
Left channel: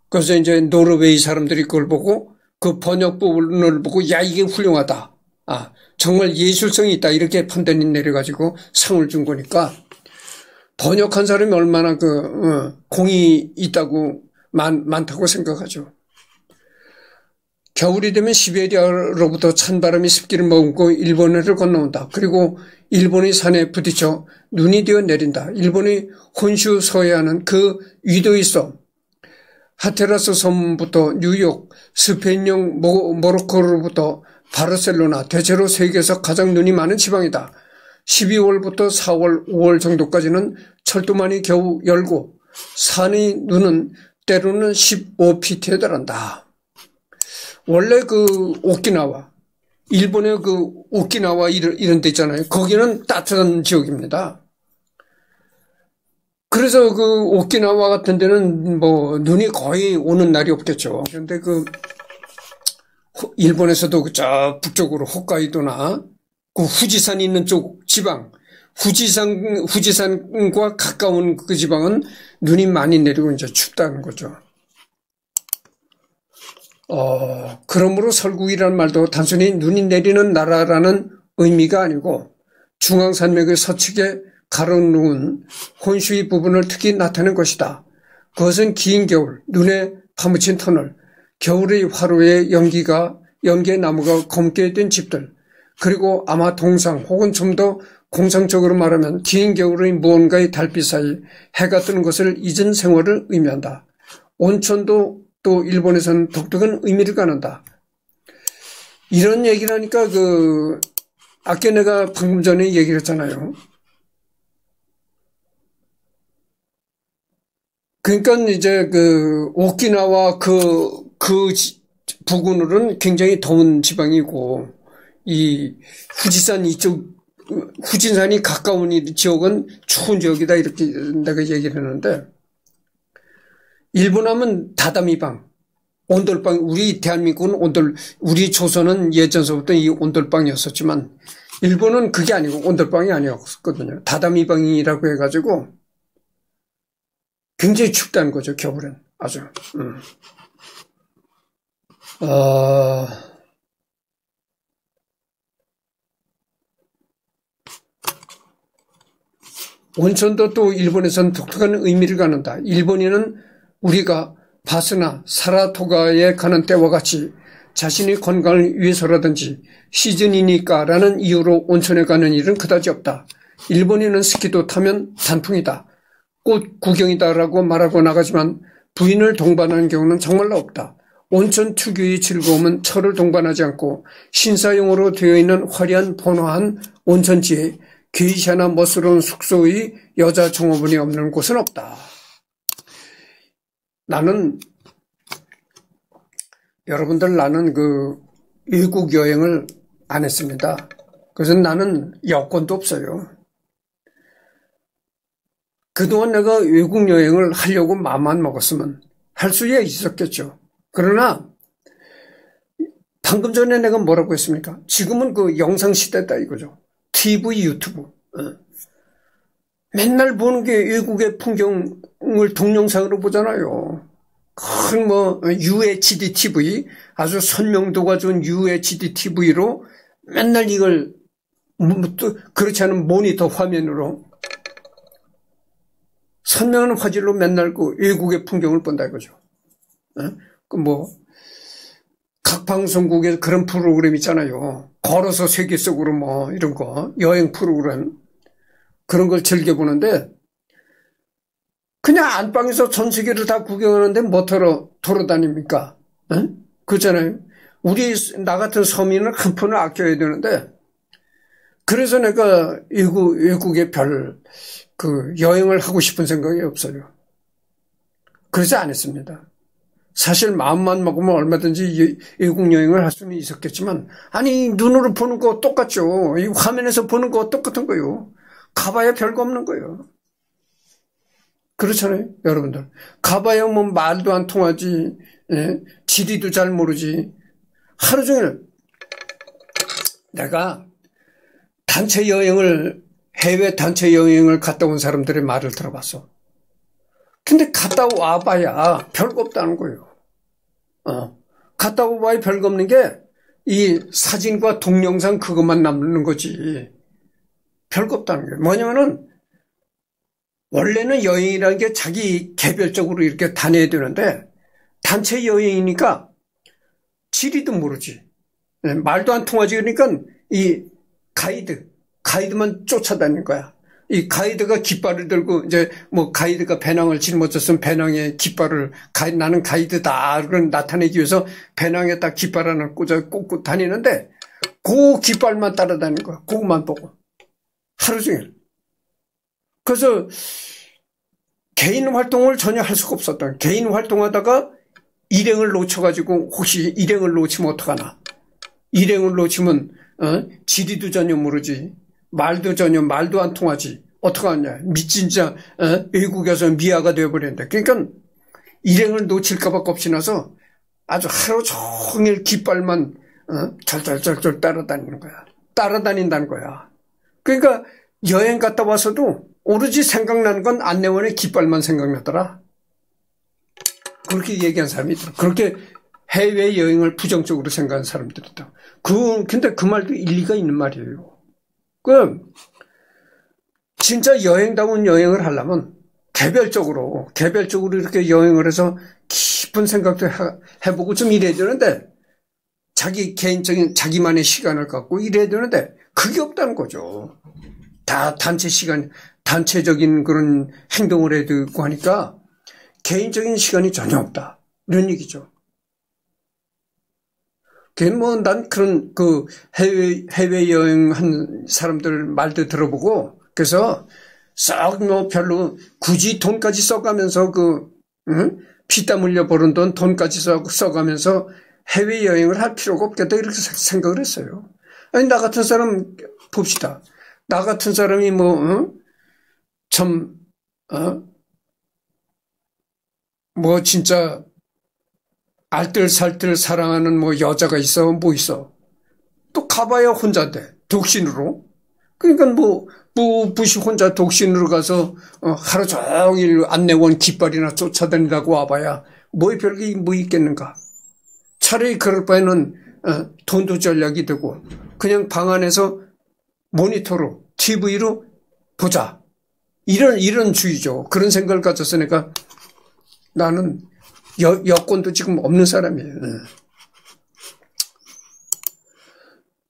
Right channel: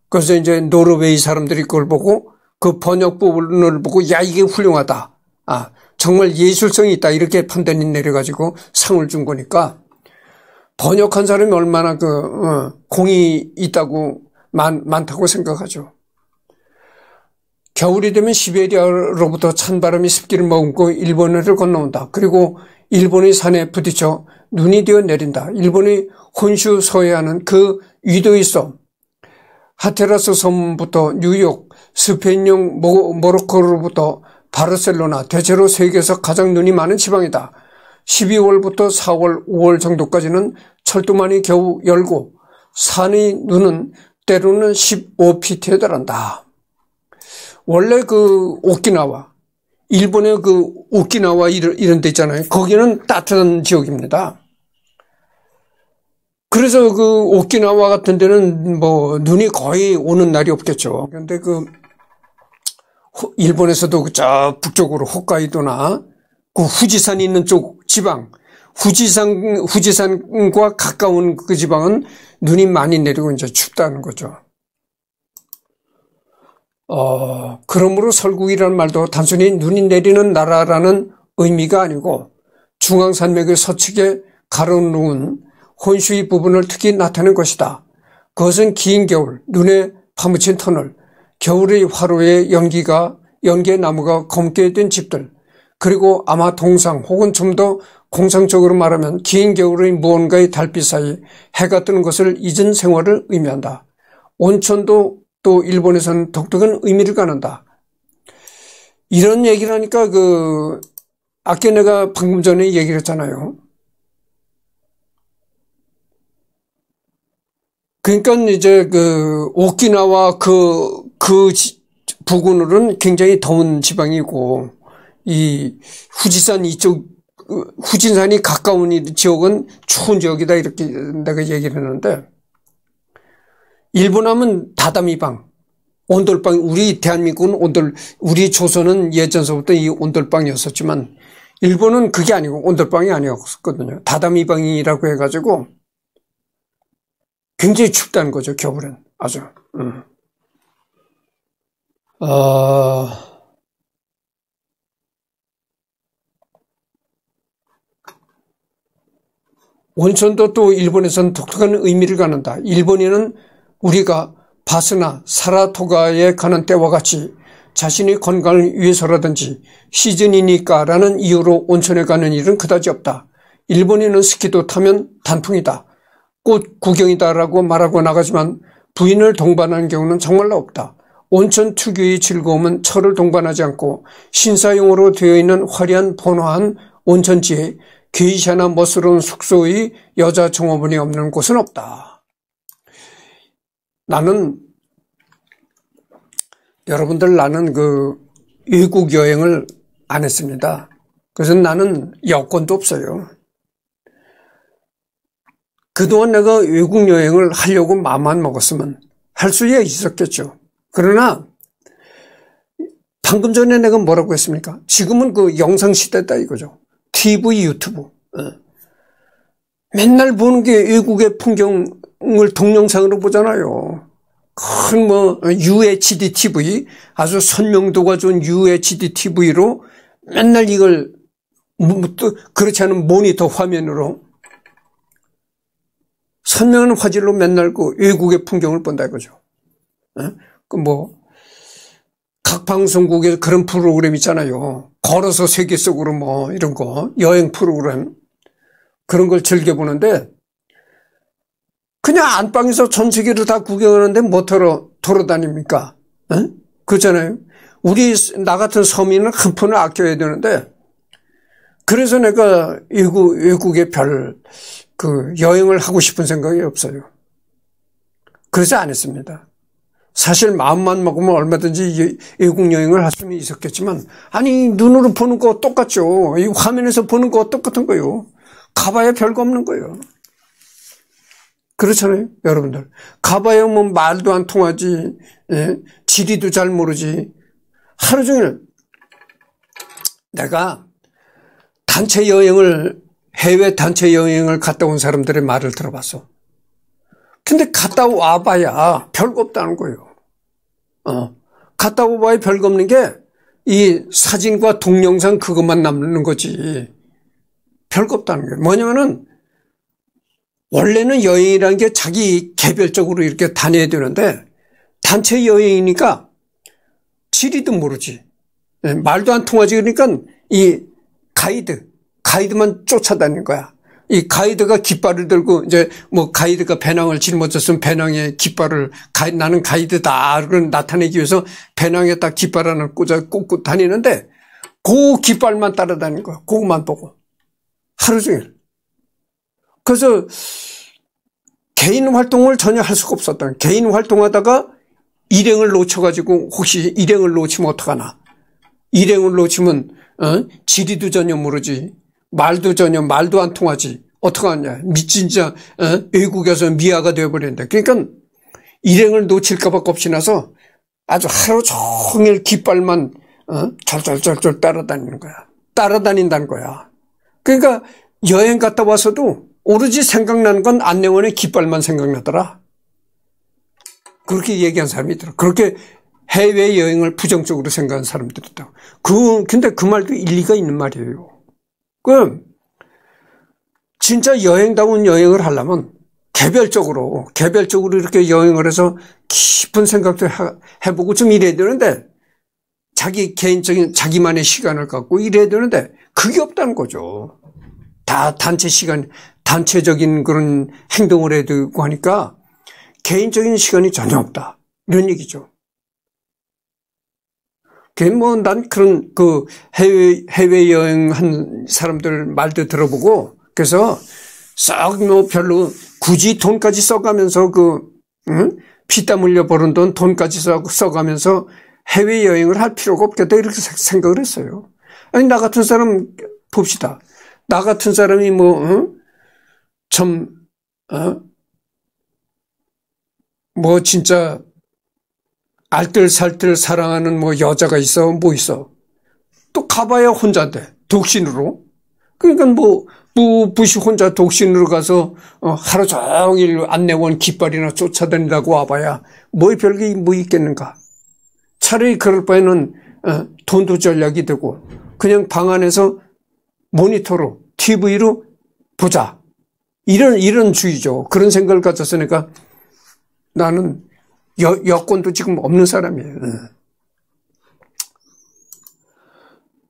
그래서 이제 노르웨이 사람들이 그걸 보고 그 번역 부분을 보고 야 이게 훌륭하다. 정말 예술성이 있다 이렇게 판단이 내려가지고 상을 준 거니까 번역한 사람이 얼마나 공이 있다고 많다고 생각하죠. 겨울이 되면 시베리아로부터 찬바람이 습기를 머금고 일본해를 건너온다. 그리고 일본의 산에 부딪혀 눈이 되어 내린다. 일본의 혼슈 서해안은 그 위도의 섬, 하테라스 섬부터 뉴욕, 스페인령 모로코로부터 바르셀로나, 대체로 세계에서 가장 눈이 많은 지방이다. 12월부터 4월, 5월 정도까지는 철도만이 겨우 열고 산의 눈은 때로는 15피트에 달한다. 원래 그 오키나와, 일본의 그 오키나와 이런 데 있잖아요. 거기는 따뜻한 지역입니다. 그래서 그 오키나와 같은 데는 뭐 눈이 거의 오는 날이 없겠죠. 그런데 일본에서도 저 북쪽으로 홋카이도나 그 후지산이 있는 쪽 지방, 후지산과 가까운 그 지방은 눈이 많이 내리고 이제 춥다는 거죠. 그러므로 설국이라는 말도 단순히 눈이 내리는 나라라는 의미가 아니고 중앙산맥의 서측에 가로놓은 혼슈의 부분을 특히 나타낸 것이다. 그것은 긴 겨울, 눈에 파묻힌 터널, 겨울의 화로에 연기의 나무가 검게 된 집들, 그리고 아마 동상 혹은 좀 더 공상적으로 말하면 긴 겨울의 무언가의 달빛 사이 해가 뜨는 것을 잊은 생활을 의미한다. 온천도 또 일본에서는 독특한 의미를 갖는다. 이런 얘기를 하니까 아까 내가 방금 전에 얘기를 했잖아요. 그러니까 이제 오키나와 부근으로는 굉장히 더운 지방이고, 이 후지산 후진산이 가까운 이 지역은 추운 지역이다 이렇게 내가 얘기를 했는데, 일본 하면 다다미방, 온돌방, 우리 대한민국은 우리 조선은 예전서부터 이 온돌방이었었지만, 일본은 그게 아니고 온돌방이 아니었거든요. 다다미방이라고 해가지고 굉장히 춥다는 거죠, 겨울엔. 아주. 온천도 또 일본에서는 독특한 의미를 갖는다. 일본인은 우리가 바스나 사라토가에 가는 때와 같이 자신의 건강을 위해서라든지 시즌이니까라는 이유로 온천에 가는 일은 그다지 없다. 일본인은 스키도 타면 단풍이다. 꽃 구경이다라고 말하고 나가지만 부인을 동반하는 경우는 정말로 없다. 온천 특유의 즐거움은 철을 동반하지 않고 신사용으로 되어 있는 화려한 번화한 온천지에 게이샤나 멋스러운 숙소의 여자 종업원이 없는 곳은 없다. 나는 외국 여행을 안 했습니다. 그래서 나는 여권도 없어요. 그동안 내가 외국 여행을 하려고 마음만 먹었으면 할 수 있었겠죠. 그러나 방금 전에 내가 뭐라고 했습니까? 지금은 영상 시대다 이거죠. TV, 유튜브. 맨날 보는 게 외국의 풍경을 동영상으로 보잖아요. 큰 UHD TV, 아주 선명도가 좋은 UHD TV로 맨날 이걸 또 그렇지 않은 모니터 화면으로 선명한 화질로 맨날 외국의 풍경을 본다 이거죠. 각 방송국에 그런 프로그램 있잖아요. 걸어서 세계 속으로 뭐 이런 거 여행 프로그램 그런 걸 즐겨보는데 그냥 안방에서 전 세계를 다 구경하는데 뭐 돌아다닙니까? 응? 그렇잖아요. 나 같은 서민은 한 푼을 아껴야 되는데 그래서 내가 외국에 여행을 하고 싶은 생각이 없어요. 그래서 안 했습니다. 사실 마음만 먹으면 얼마든지 외국 여행을 할 수는 있었겠지만 아니 눈으로 보는 거 똑같죠. 이 화면에서 보는 거 똑같은 거요. 가봐야 별거 없는 거예요. 그렇잖아요, 여러분들. 가봐야 뭐 말도 안 통하지, 예? 지리도 잘 모르지. 하루 종일 내가 해외 단체 여행을 갔다 온 사람들의 말을 들어봤어. 근데 갔다 와봐야 별거 없다는 거예요. 갔다 와봐야 별거 없는 게 이 사진과 동영상 그것만 남는 거지. 별거 없다는 거예요. 뭐냐면은 원래는 여행이라는 게 자기 개별적으로 이렇게 다녀야 되는데 단체 여행이니까 지리도 모르지. 말도 안 통하지. 그러니까 이 가이드만 쫓아다니는 거야. 이 가이드가 깃발을 들고 이제 뭐 가이드가 배낭을 짊어졌으면 배낭에 깃발을 나는 가이드다 그걸 나타내기 위해서 배낭에 딱 깃발 하나 꽂고 다니는데 그 깃발만 따라다니는 거야. 그것만 보고 하루 종일. 그래서 개인 활동을 전혀 할 수가 없었다. 개인 활동하다가 일행을 놓쳐가지고 혹시 일행을 놓치면 어떡하나. 일행을 놓치면 지리도 전혀 모르지. 말도 안 통하지. 어떡하냐. 진짜 외국에서 미아가 되어버렸는데. 그러니까 일행을 놓칠까 봐 겁이 나서 아주 하루 종일 깃발만 절절절절 따라다니는 거야. 따라다닌다는 거야. 그러니까 여행 갔다 와서도 오로지 생각나는 건 안내원의 깃발만 생각나더라. 그렇게 얘기한 사람이 있더라. 그렇게 해외여행을 부정적으로 생각하는 사람들이 있다. 근데 그 말도 일리가 있는 말이에요. 진짜 여행다운 여행을 하려면 개별적으로 이렇게 여행을 해서 깊은 생각도 해보고 좀 이래야 되는데 개인적인 자기만의 시간을 갖고 이래야 되는데 그게 없다는 거죠. 다 단체적인 그런 행동을 해야 되고 하니까 개인적인 시간이 전혀 없다. 이런 얘기죠. 난 그런 해외여행 한 사람들 말도 들어보고 그래서 썩 별로 굳이 돈까지 써가면서 피땀 흘려 버는 돈까지 써가면서 해외여행을 할 필요가 없겠다 이렇게 생각을 했어요. 아니 나 같은 사람 봅시다. 나 같은 사람이 진짜 알뜰살뜰 사랑하는 여자가 있어 뭐 있어. 또 가봐야 혼자인데 독신으로. 그러니까 부시 혼자 독신으로 가서 하루 종일 안내원 깃발이나 쫓아다닌다고 와봐야 별게 뭐 있겠는가. 차라리 그럴 바에는 돈도 절약이 되고 그냥 방 안에서 모니터로 TV로 보자. 이런 주의죠. 그런 생각을 가져서 내가 나는 여권도 지금 없는 사람이에요.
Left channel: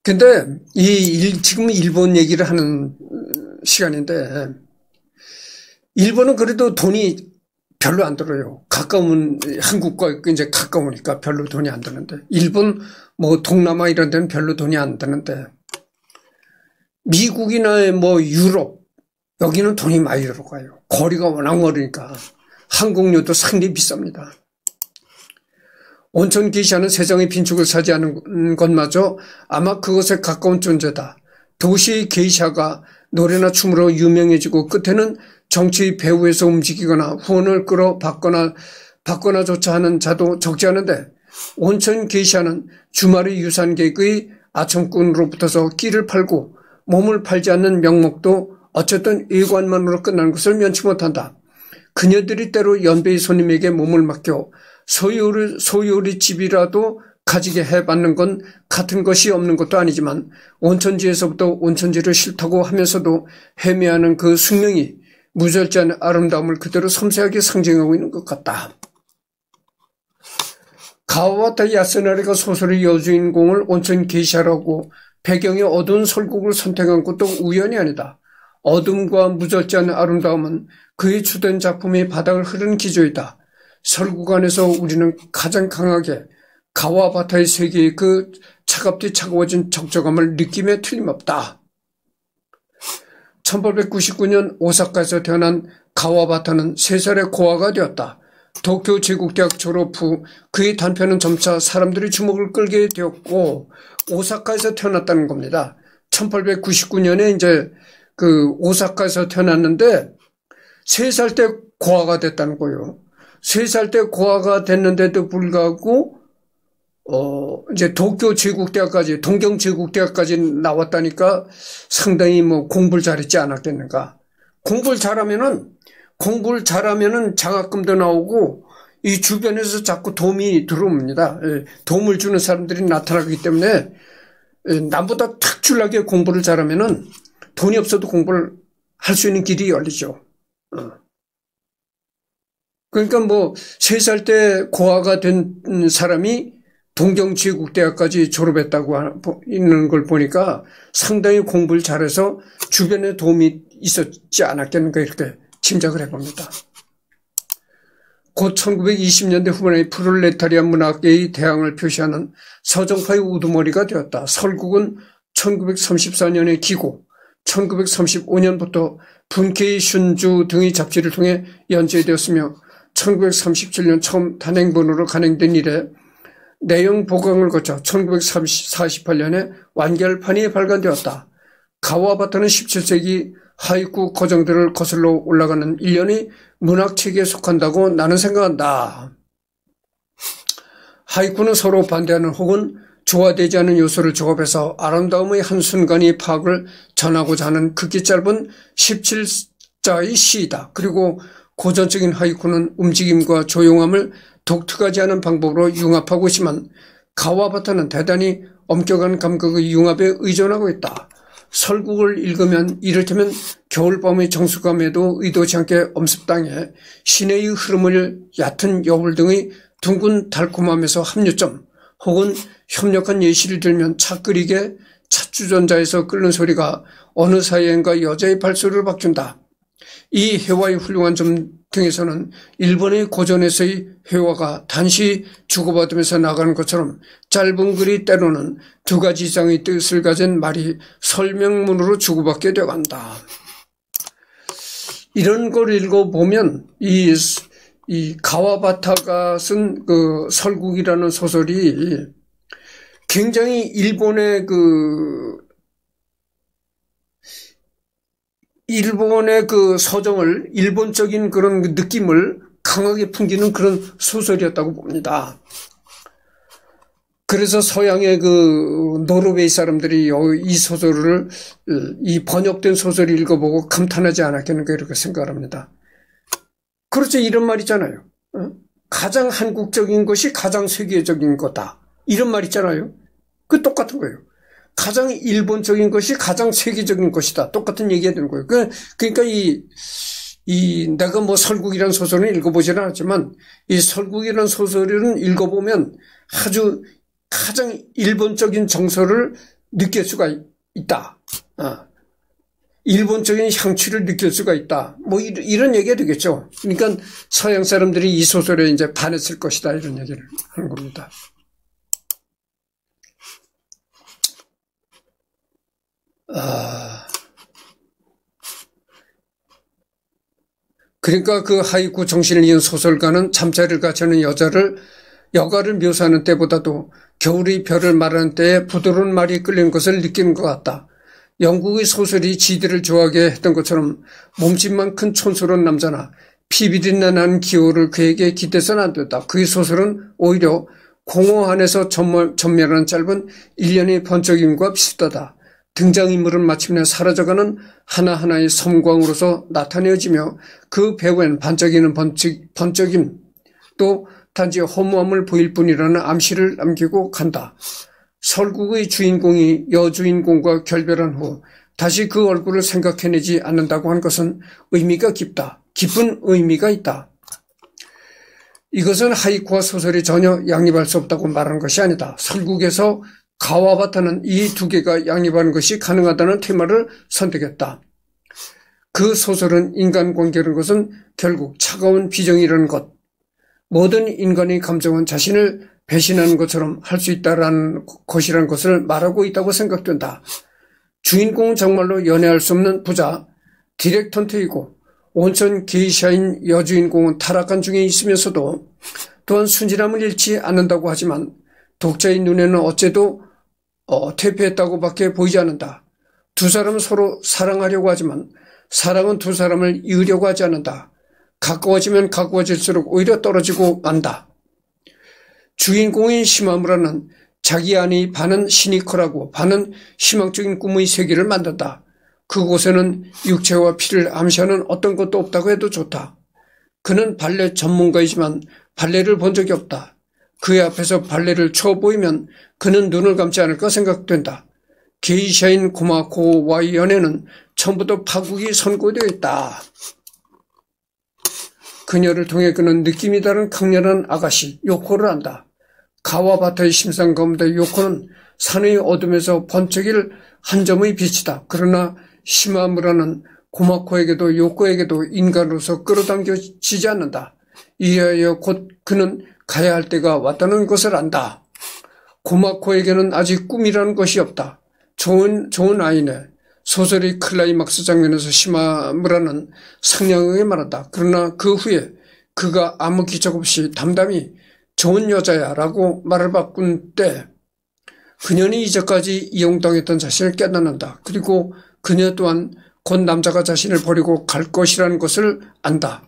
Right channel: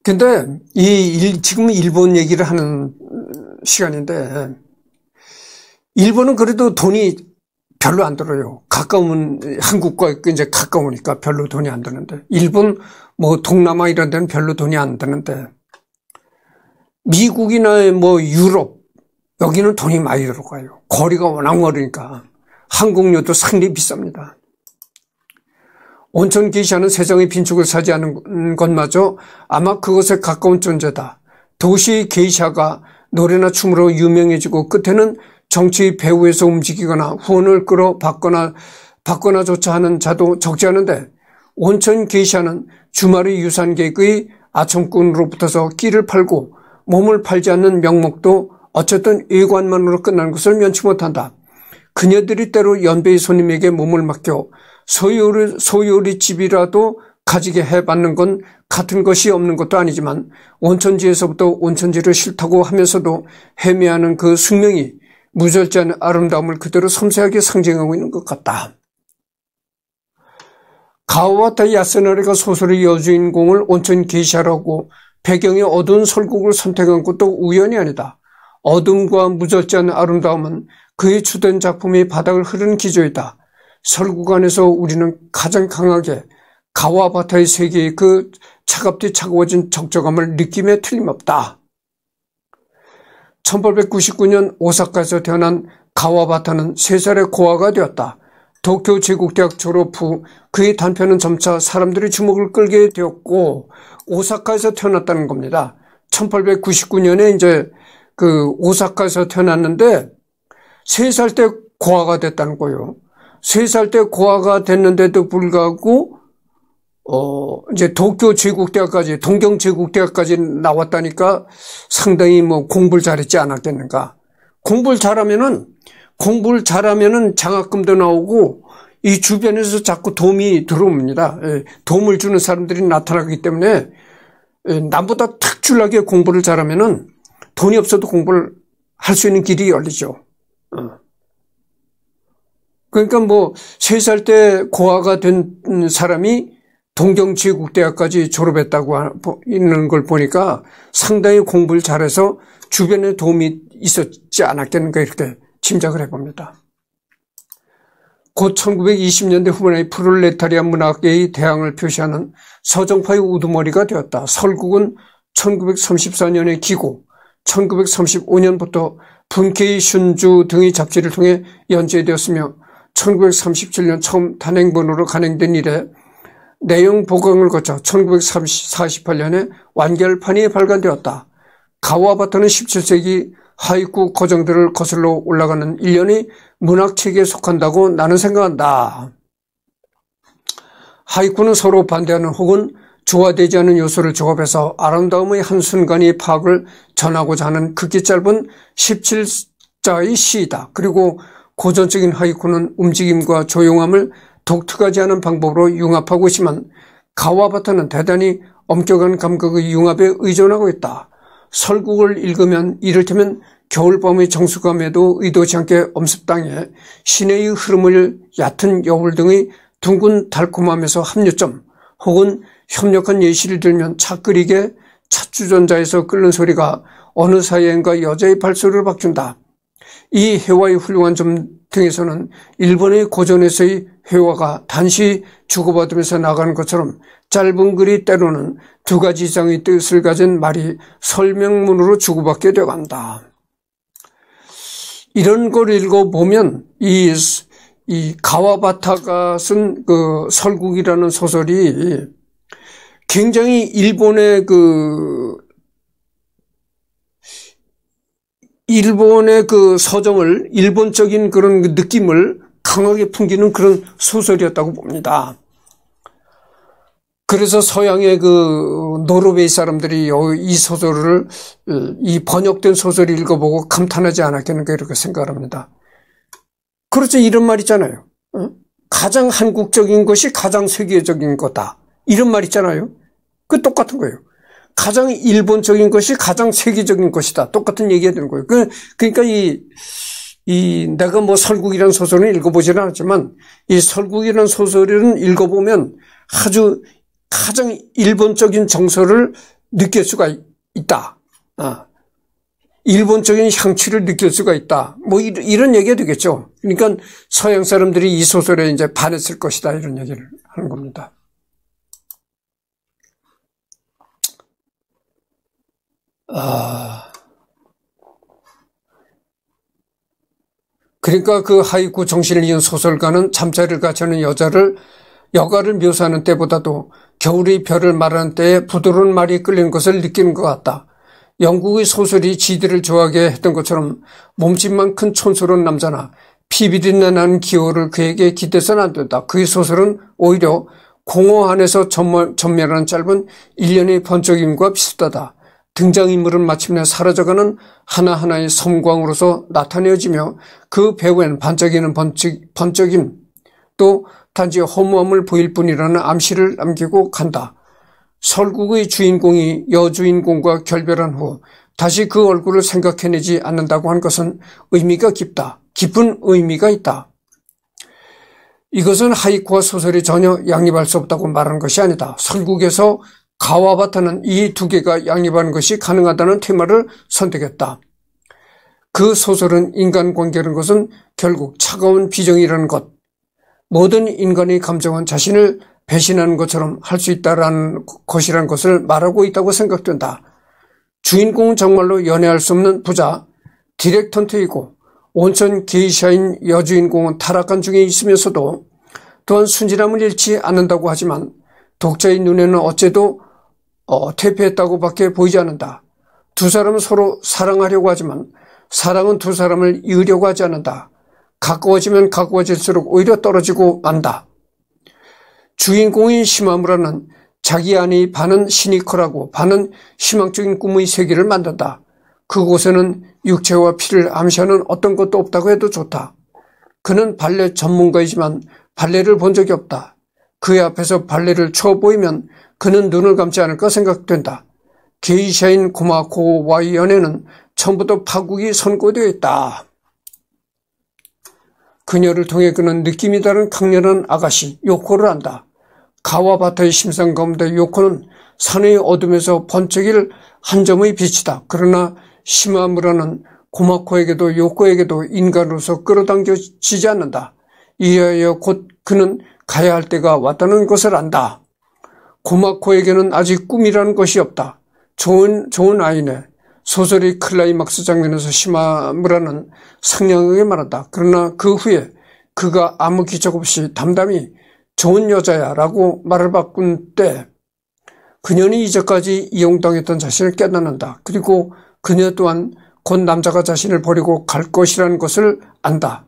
근데 지금 일본 얘기를 하는 시간인데 일본은 그래도 돈이 별로 안 들어요. 한국과 이제 가까우니까 별로 돈이 안 드는데 일본 동남아 이런 데는 별로 돈이 안 드는데 미국이나 유럽 여기는 돈이 많이 들어가요. 거리가 워낙 멀으니까 항공료도 상당히 비쌉니다. 온천 게이샤는 세상의 빈축을 차지하는 것마저 아마 그것에 가까운 존재다. 도시의 게이샤가 노래나 춤으로 유명해지고 끝에는 정치의 배후에서 움직이거나 후원을 끌어 받거나조차 하는 자도 적지 않은데 온천 게이샤는 주말의 유산객의 아청꾼으로부터서 끼를 팔고 몸을 팔지 않는 명목도 어쨌든 외관만으로 끝나는 것을 면치 못한다. 그녀들이 때로 연배의 손님에게 몸을 맡겨 소요리 집이라도 가지게 해받는 건 같은 것이 없는 것도 아니지만 온천지에서부터 온천지를 싫다고 하면서도 헤매하는 그 숙명이 무절제한 아름다움을 그대로 섬세하게 상징하고 있는 것 같다. 가와바타 야스나리가 소설의 여주인공을 온천 게이샤라고 배경이 어두운 설국을 선택한 것도 우연이 아니다. 어둠과 무절제한 아름다움은 그의 주된 작품이 바닥을 흐르는 기조이다. 설국 안에서 우리는 가장 강하게 가와바타의 세계의 그 차갑디 차가워진 적적함을 느낌에 틀림없다. 1899년 오사카에서 태어난 가와바타는 3살의 고아가 되었다. 도쿄 제국대학 졸업 후 그의 단편은 점차 사람들의 주목을 끌게 되었고 오사카에서 태어났다는 겁니다. 1899년에 이제 그 오사카에서 태어났는데 3살 때 고아가 됐다는 거예요. 3살 때 고아가 됐는데도 불구하고 이제 도쿄 제국대학까지 동경 제국대학까지 나왔다니까 상당히 뭐 공부를 잘했지 않았겠는가. 공부를 잘하면은 장학금도 나오고 이 주변에서 자꾸 도움이 들어옵니다. 도움을 주는 사람들이 나타나기 때문에 남보다 특출나게 공부를 잘하면은 돈이 없어도 공부를 할 수 있는 길이 열리죠. 그러니까 뭐 3살 때 고아가 된 사람이 동경제국대학까지 졸업했다고 있는 걸 보니까 상당히 공부를 잘해서 주변에 도움이 있었지 않았겠는가 이렇게 짐작을 해봅니다. 곧 1920년대 후반에 프롤레타리아 문학계의 대항을 표시하는 서정파의 우두머리가 되었다. 설국은 1934년에 기고 1935년부터 분케이 슌주 등의 잡지를 통해 연재되었으며 1937년 처음 단행본으로 간행된 이래 내용 보강을 거쳐 1948년에 완결판이 발간되었다. 가와바타는 17세기 하이쿠 거정들을 거슬러 올라가는 일련의 문학체계에 속한다고 나는 생각한다. 하이쿠는 서로 반대하는 혹은 조화되지 않은 요소를 조합해서 아름다움의 한순간의 파악을 전하고자 하는 극히 짧은 17자의 시이다. 그리고 고전적인 하이쿠는 움직임과 조용함을 독특하지 않은 방법으로 융합하고 있지만 가와바타는 대단히 엄격한 감각의 융합에 의존하고 있다. 설국을 읽으면 이를테면 겨울밤의 정수감에도 의도치 않게 엄습당해 시내의 흐름을 얕은 여울 등의 둥근 달콤함에서 합류점 혹은 협력한 예시를 들면 차 끓이게 찻주전자에서 끓는 소리가 어느 사이엔가 여자의 발소리를 바꾼다. 이 회화의 훌륭한 점 등에서는 일본의 고전에서의 회화가 단시 주고받으면서 나가는 것처럼 짧은 글이 때로는 2가지 이상의 뜻을 가진 말이 설명문으로 주고받게 되어간다. 이런 걸 읽어보면 이 가와바타가 쓴 그 설국이라는 소설이 굉장히 일본의 그 서정을, 일본적인 그런 느낌을 강하게 풍기는 그런 소설이었다고 봅니다. 그래서 서양의 그 노르웨이 사람들이 이 소설을, 이 번역된 소설을 읽어보고 감탄하지 않았겠는가 이렇게 생각합니다. 그렇죠. 이런 말 있잖아요. 가장 한국적인 것이 가장 세계적인 거다. 이런 말 있잖아요. 그 똑같은 거예요. 가장 일본적인 것이 가장 세계적인 것이다. 똑같은 얘기가 되는 거예요. 그러니까 내가 뭐 설국이라는 소설은 읽어보지는 않았지만 이 설국이라는 소설은 읽어보면 아주 가장 일본적인 정서를 느낄 수가 있다. 일본적인 향취를 느낄 수가 있다. 뭐 이런 얘기가 되겠죠. 그러니까 서양 사람들이 이 소설에 이제 반했을 것이다. 이런 얘기를 하는 겁니다. 그러니까 그 하이쿠 정신을 이은 소설가는 잠자리를 같이 하는 여가를 묘사하는 때보다도 겨울의 별을 말하는 때에 부드러운 말이 끌리는 것을 느끼는 것 같다. 영국의 소설이 지들을 좋아하게 했던 것처럼 몸집만 큰 촌스러운 남자나 피비린내 나는 기호를 그에게 기대서는 안 된다. 그의 소설은 오히려 공허 안에서 전멸하는 짧은 일련의 번쩍임과 비슷하다. 등장인물은 마침내 사라져가는 하나하나의 섬광으로서 나타내어지며 그 배후엔 반짝이는 번쩍임 또 단지 허무함을 보일 뿐이라는 암시를 남기고 간다. 설국의 주인공이 여주인공과 결별한 후 다시 그 얼굴을 생각해내지 않는다고 하는 것은 의미가 깊다. 깊은 의미가 있다. 이것은 하이쿠와 소설이 전혀 양립할 수 없다고 말하는 것이 아니다. 설국에서 가와바타는 이 두 개가 양립하는 것이 가능하다는 테마를 선택했다. 그 소설은 인간관계라는 것은 결국 차가운 비정이라는 것, 모든 인간의 감정은 자신을 배신하는 것처럼 할 수 있다는 것이라는 것을 말하고 있다고 생각된다. 주인공은 정말로 연애할 수 없는 부자, 디렉턴트이고 온천 게이샤인 여주인공은 타락한 중에 있으면서도 또한 순진함을 잃지 않는다고 하지만 독자의 눈에는 어째도 퇴폐했다고 밖에 보이지 않는다. 두 사람은 서로 사랑하려고 하지만 사랑은 두 사람을 이으려고 하지 않는다. 가까워지면 가까워질수록 오히려 떨어지고 만다. 주인공인 시마무라는 자기 안의 반은 시니컬하고 반은 희망적인 꿈의 세계를 만든다. 그곳에는 육체와 피를 암시하는 어떤 것도 없다고 해도 좋다. 그는 발레 전문가이지만 발레를 본 적이 없다. 그의 앞에서 발레를 쳐 보이면 그는 눈을 감지 않을까 생각된다. 게이샤인 고마코와의 연애는 처음부터 파국이 선고되어 있다. 그녀를 통해 그는 느낌이 다른 강렬한 아가씨 요코를 안다. 가와바타의 심상 가운데 요코는 산의 어둠에서 번쩍일 한 점의 빛이다. 그러나 시마무라는 고마코에게도 요코에게도 인간으로서 끌어당겨지지 않는다. 이하여 곧 그는 가야 할 때가 왔다는 것을 안다. 고마코에게는 아직 꿈이라는 것이 없다. 좋은 아이네. 소설의 클라이막스 장면에서 시마무라는 상냥하게 말한다. 그러나 그 후에 그가 아무 기적 없이 담담히 좋은 여자야 라고 말을 바꾼 때 그녀는 이제까지 이용당했던 자신을 깨닫는다. 그리고 그녀 또한 곧 남자가 자신을 버리고 갈 것이라는 것을 안다.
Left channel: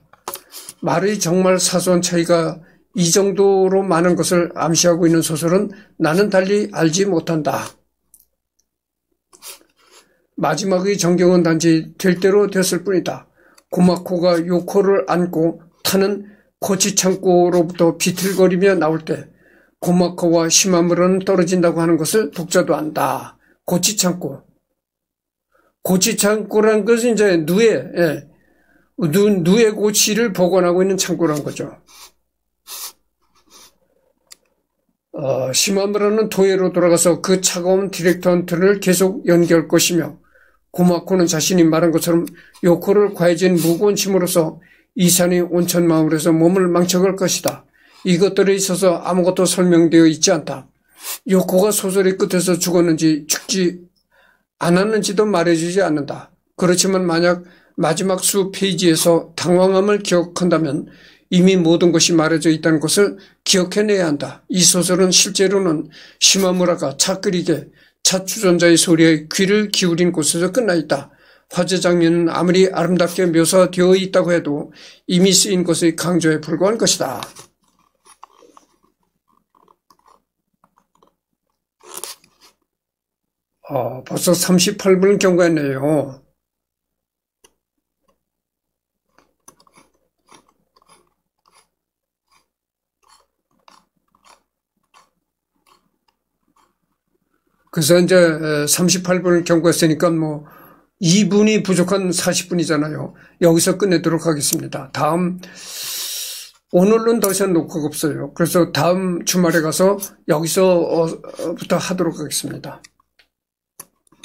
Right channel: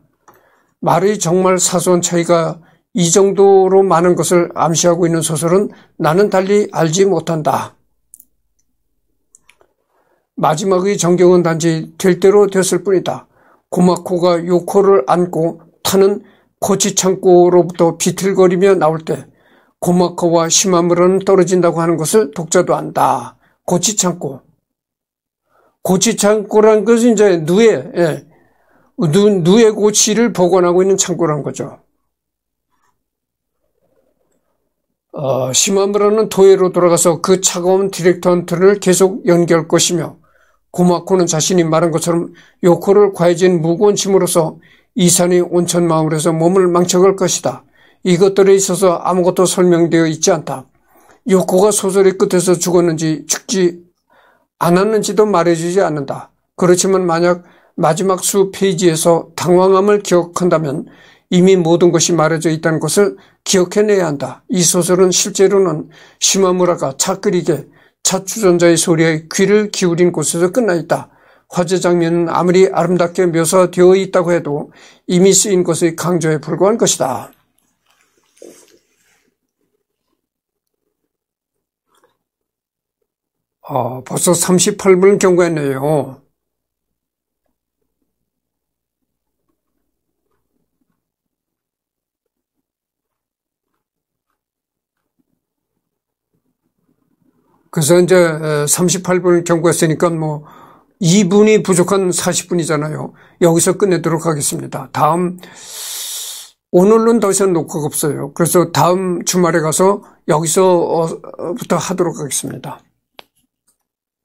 말의 정말 사소한 차이가 이 정도로 많은 것을 암시하고 있는 소설은 나는 달리 알지 못한다. 마지막의 전경은 단지 될 대로 됐을 뿐이다. 고마코가 요코를 안고 타는 고치창고로부터 비틀거리며 나올 때 고마코와 시마무라는 떨어진다고 하는 것을 독자도 안다. 고치창고라는 것은 이제 누에 고치를 복원하고 있는 창고라는 거죠. 시마무라는 도에로 돌아가서 그 차가운 디렉턴트를 계속 연기할 것이며 고마코는 자신이 말한 것처럼 요코를 과해진 무거운 짐으로서 이산의 온천 마을에서 몸을 망쳐갈 것이다. 이것들에 있어서 아무것도 설명되어 있지 않다. 요코가 소설의 끝에서 죽었는지 죽지 않았는지도 말해주지 않는다. 그렇지만 만약 마지막 수 페이지에서 당황함을 기억한다면 이미 모든 것이 말해져 있다는 것을 기억해내야 한다. 이 소설은 실제로는 시마무라가 차 끓이게 차 주전자의 소리에 귀를 기울인 곳에서 끝나 있다. 화재 장면은 아무리 아름답게 묘사되어 있다고 해도 이미 쓰인 것의 강조에 불과한 것이다. 벌써 38분을 경과했네요. 그래서 이제 38분을 경과했으니까 2분이 부족한 40분이잖아요. 여기서 끝내도록 하겠습니다. 오늘은 더 이상 녹화가 없어요. 그래서 다음 주말에 가서 여기서부터 하도록 하겠습니다.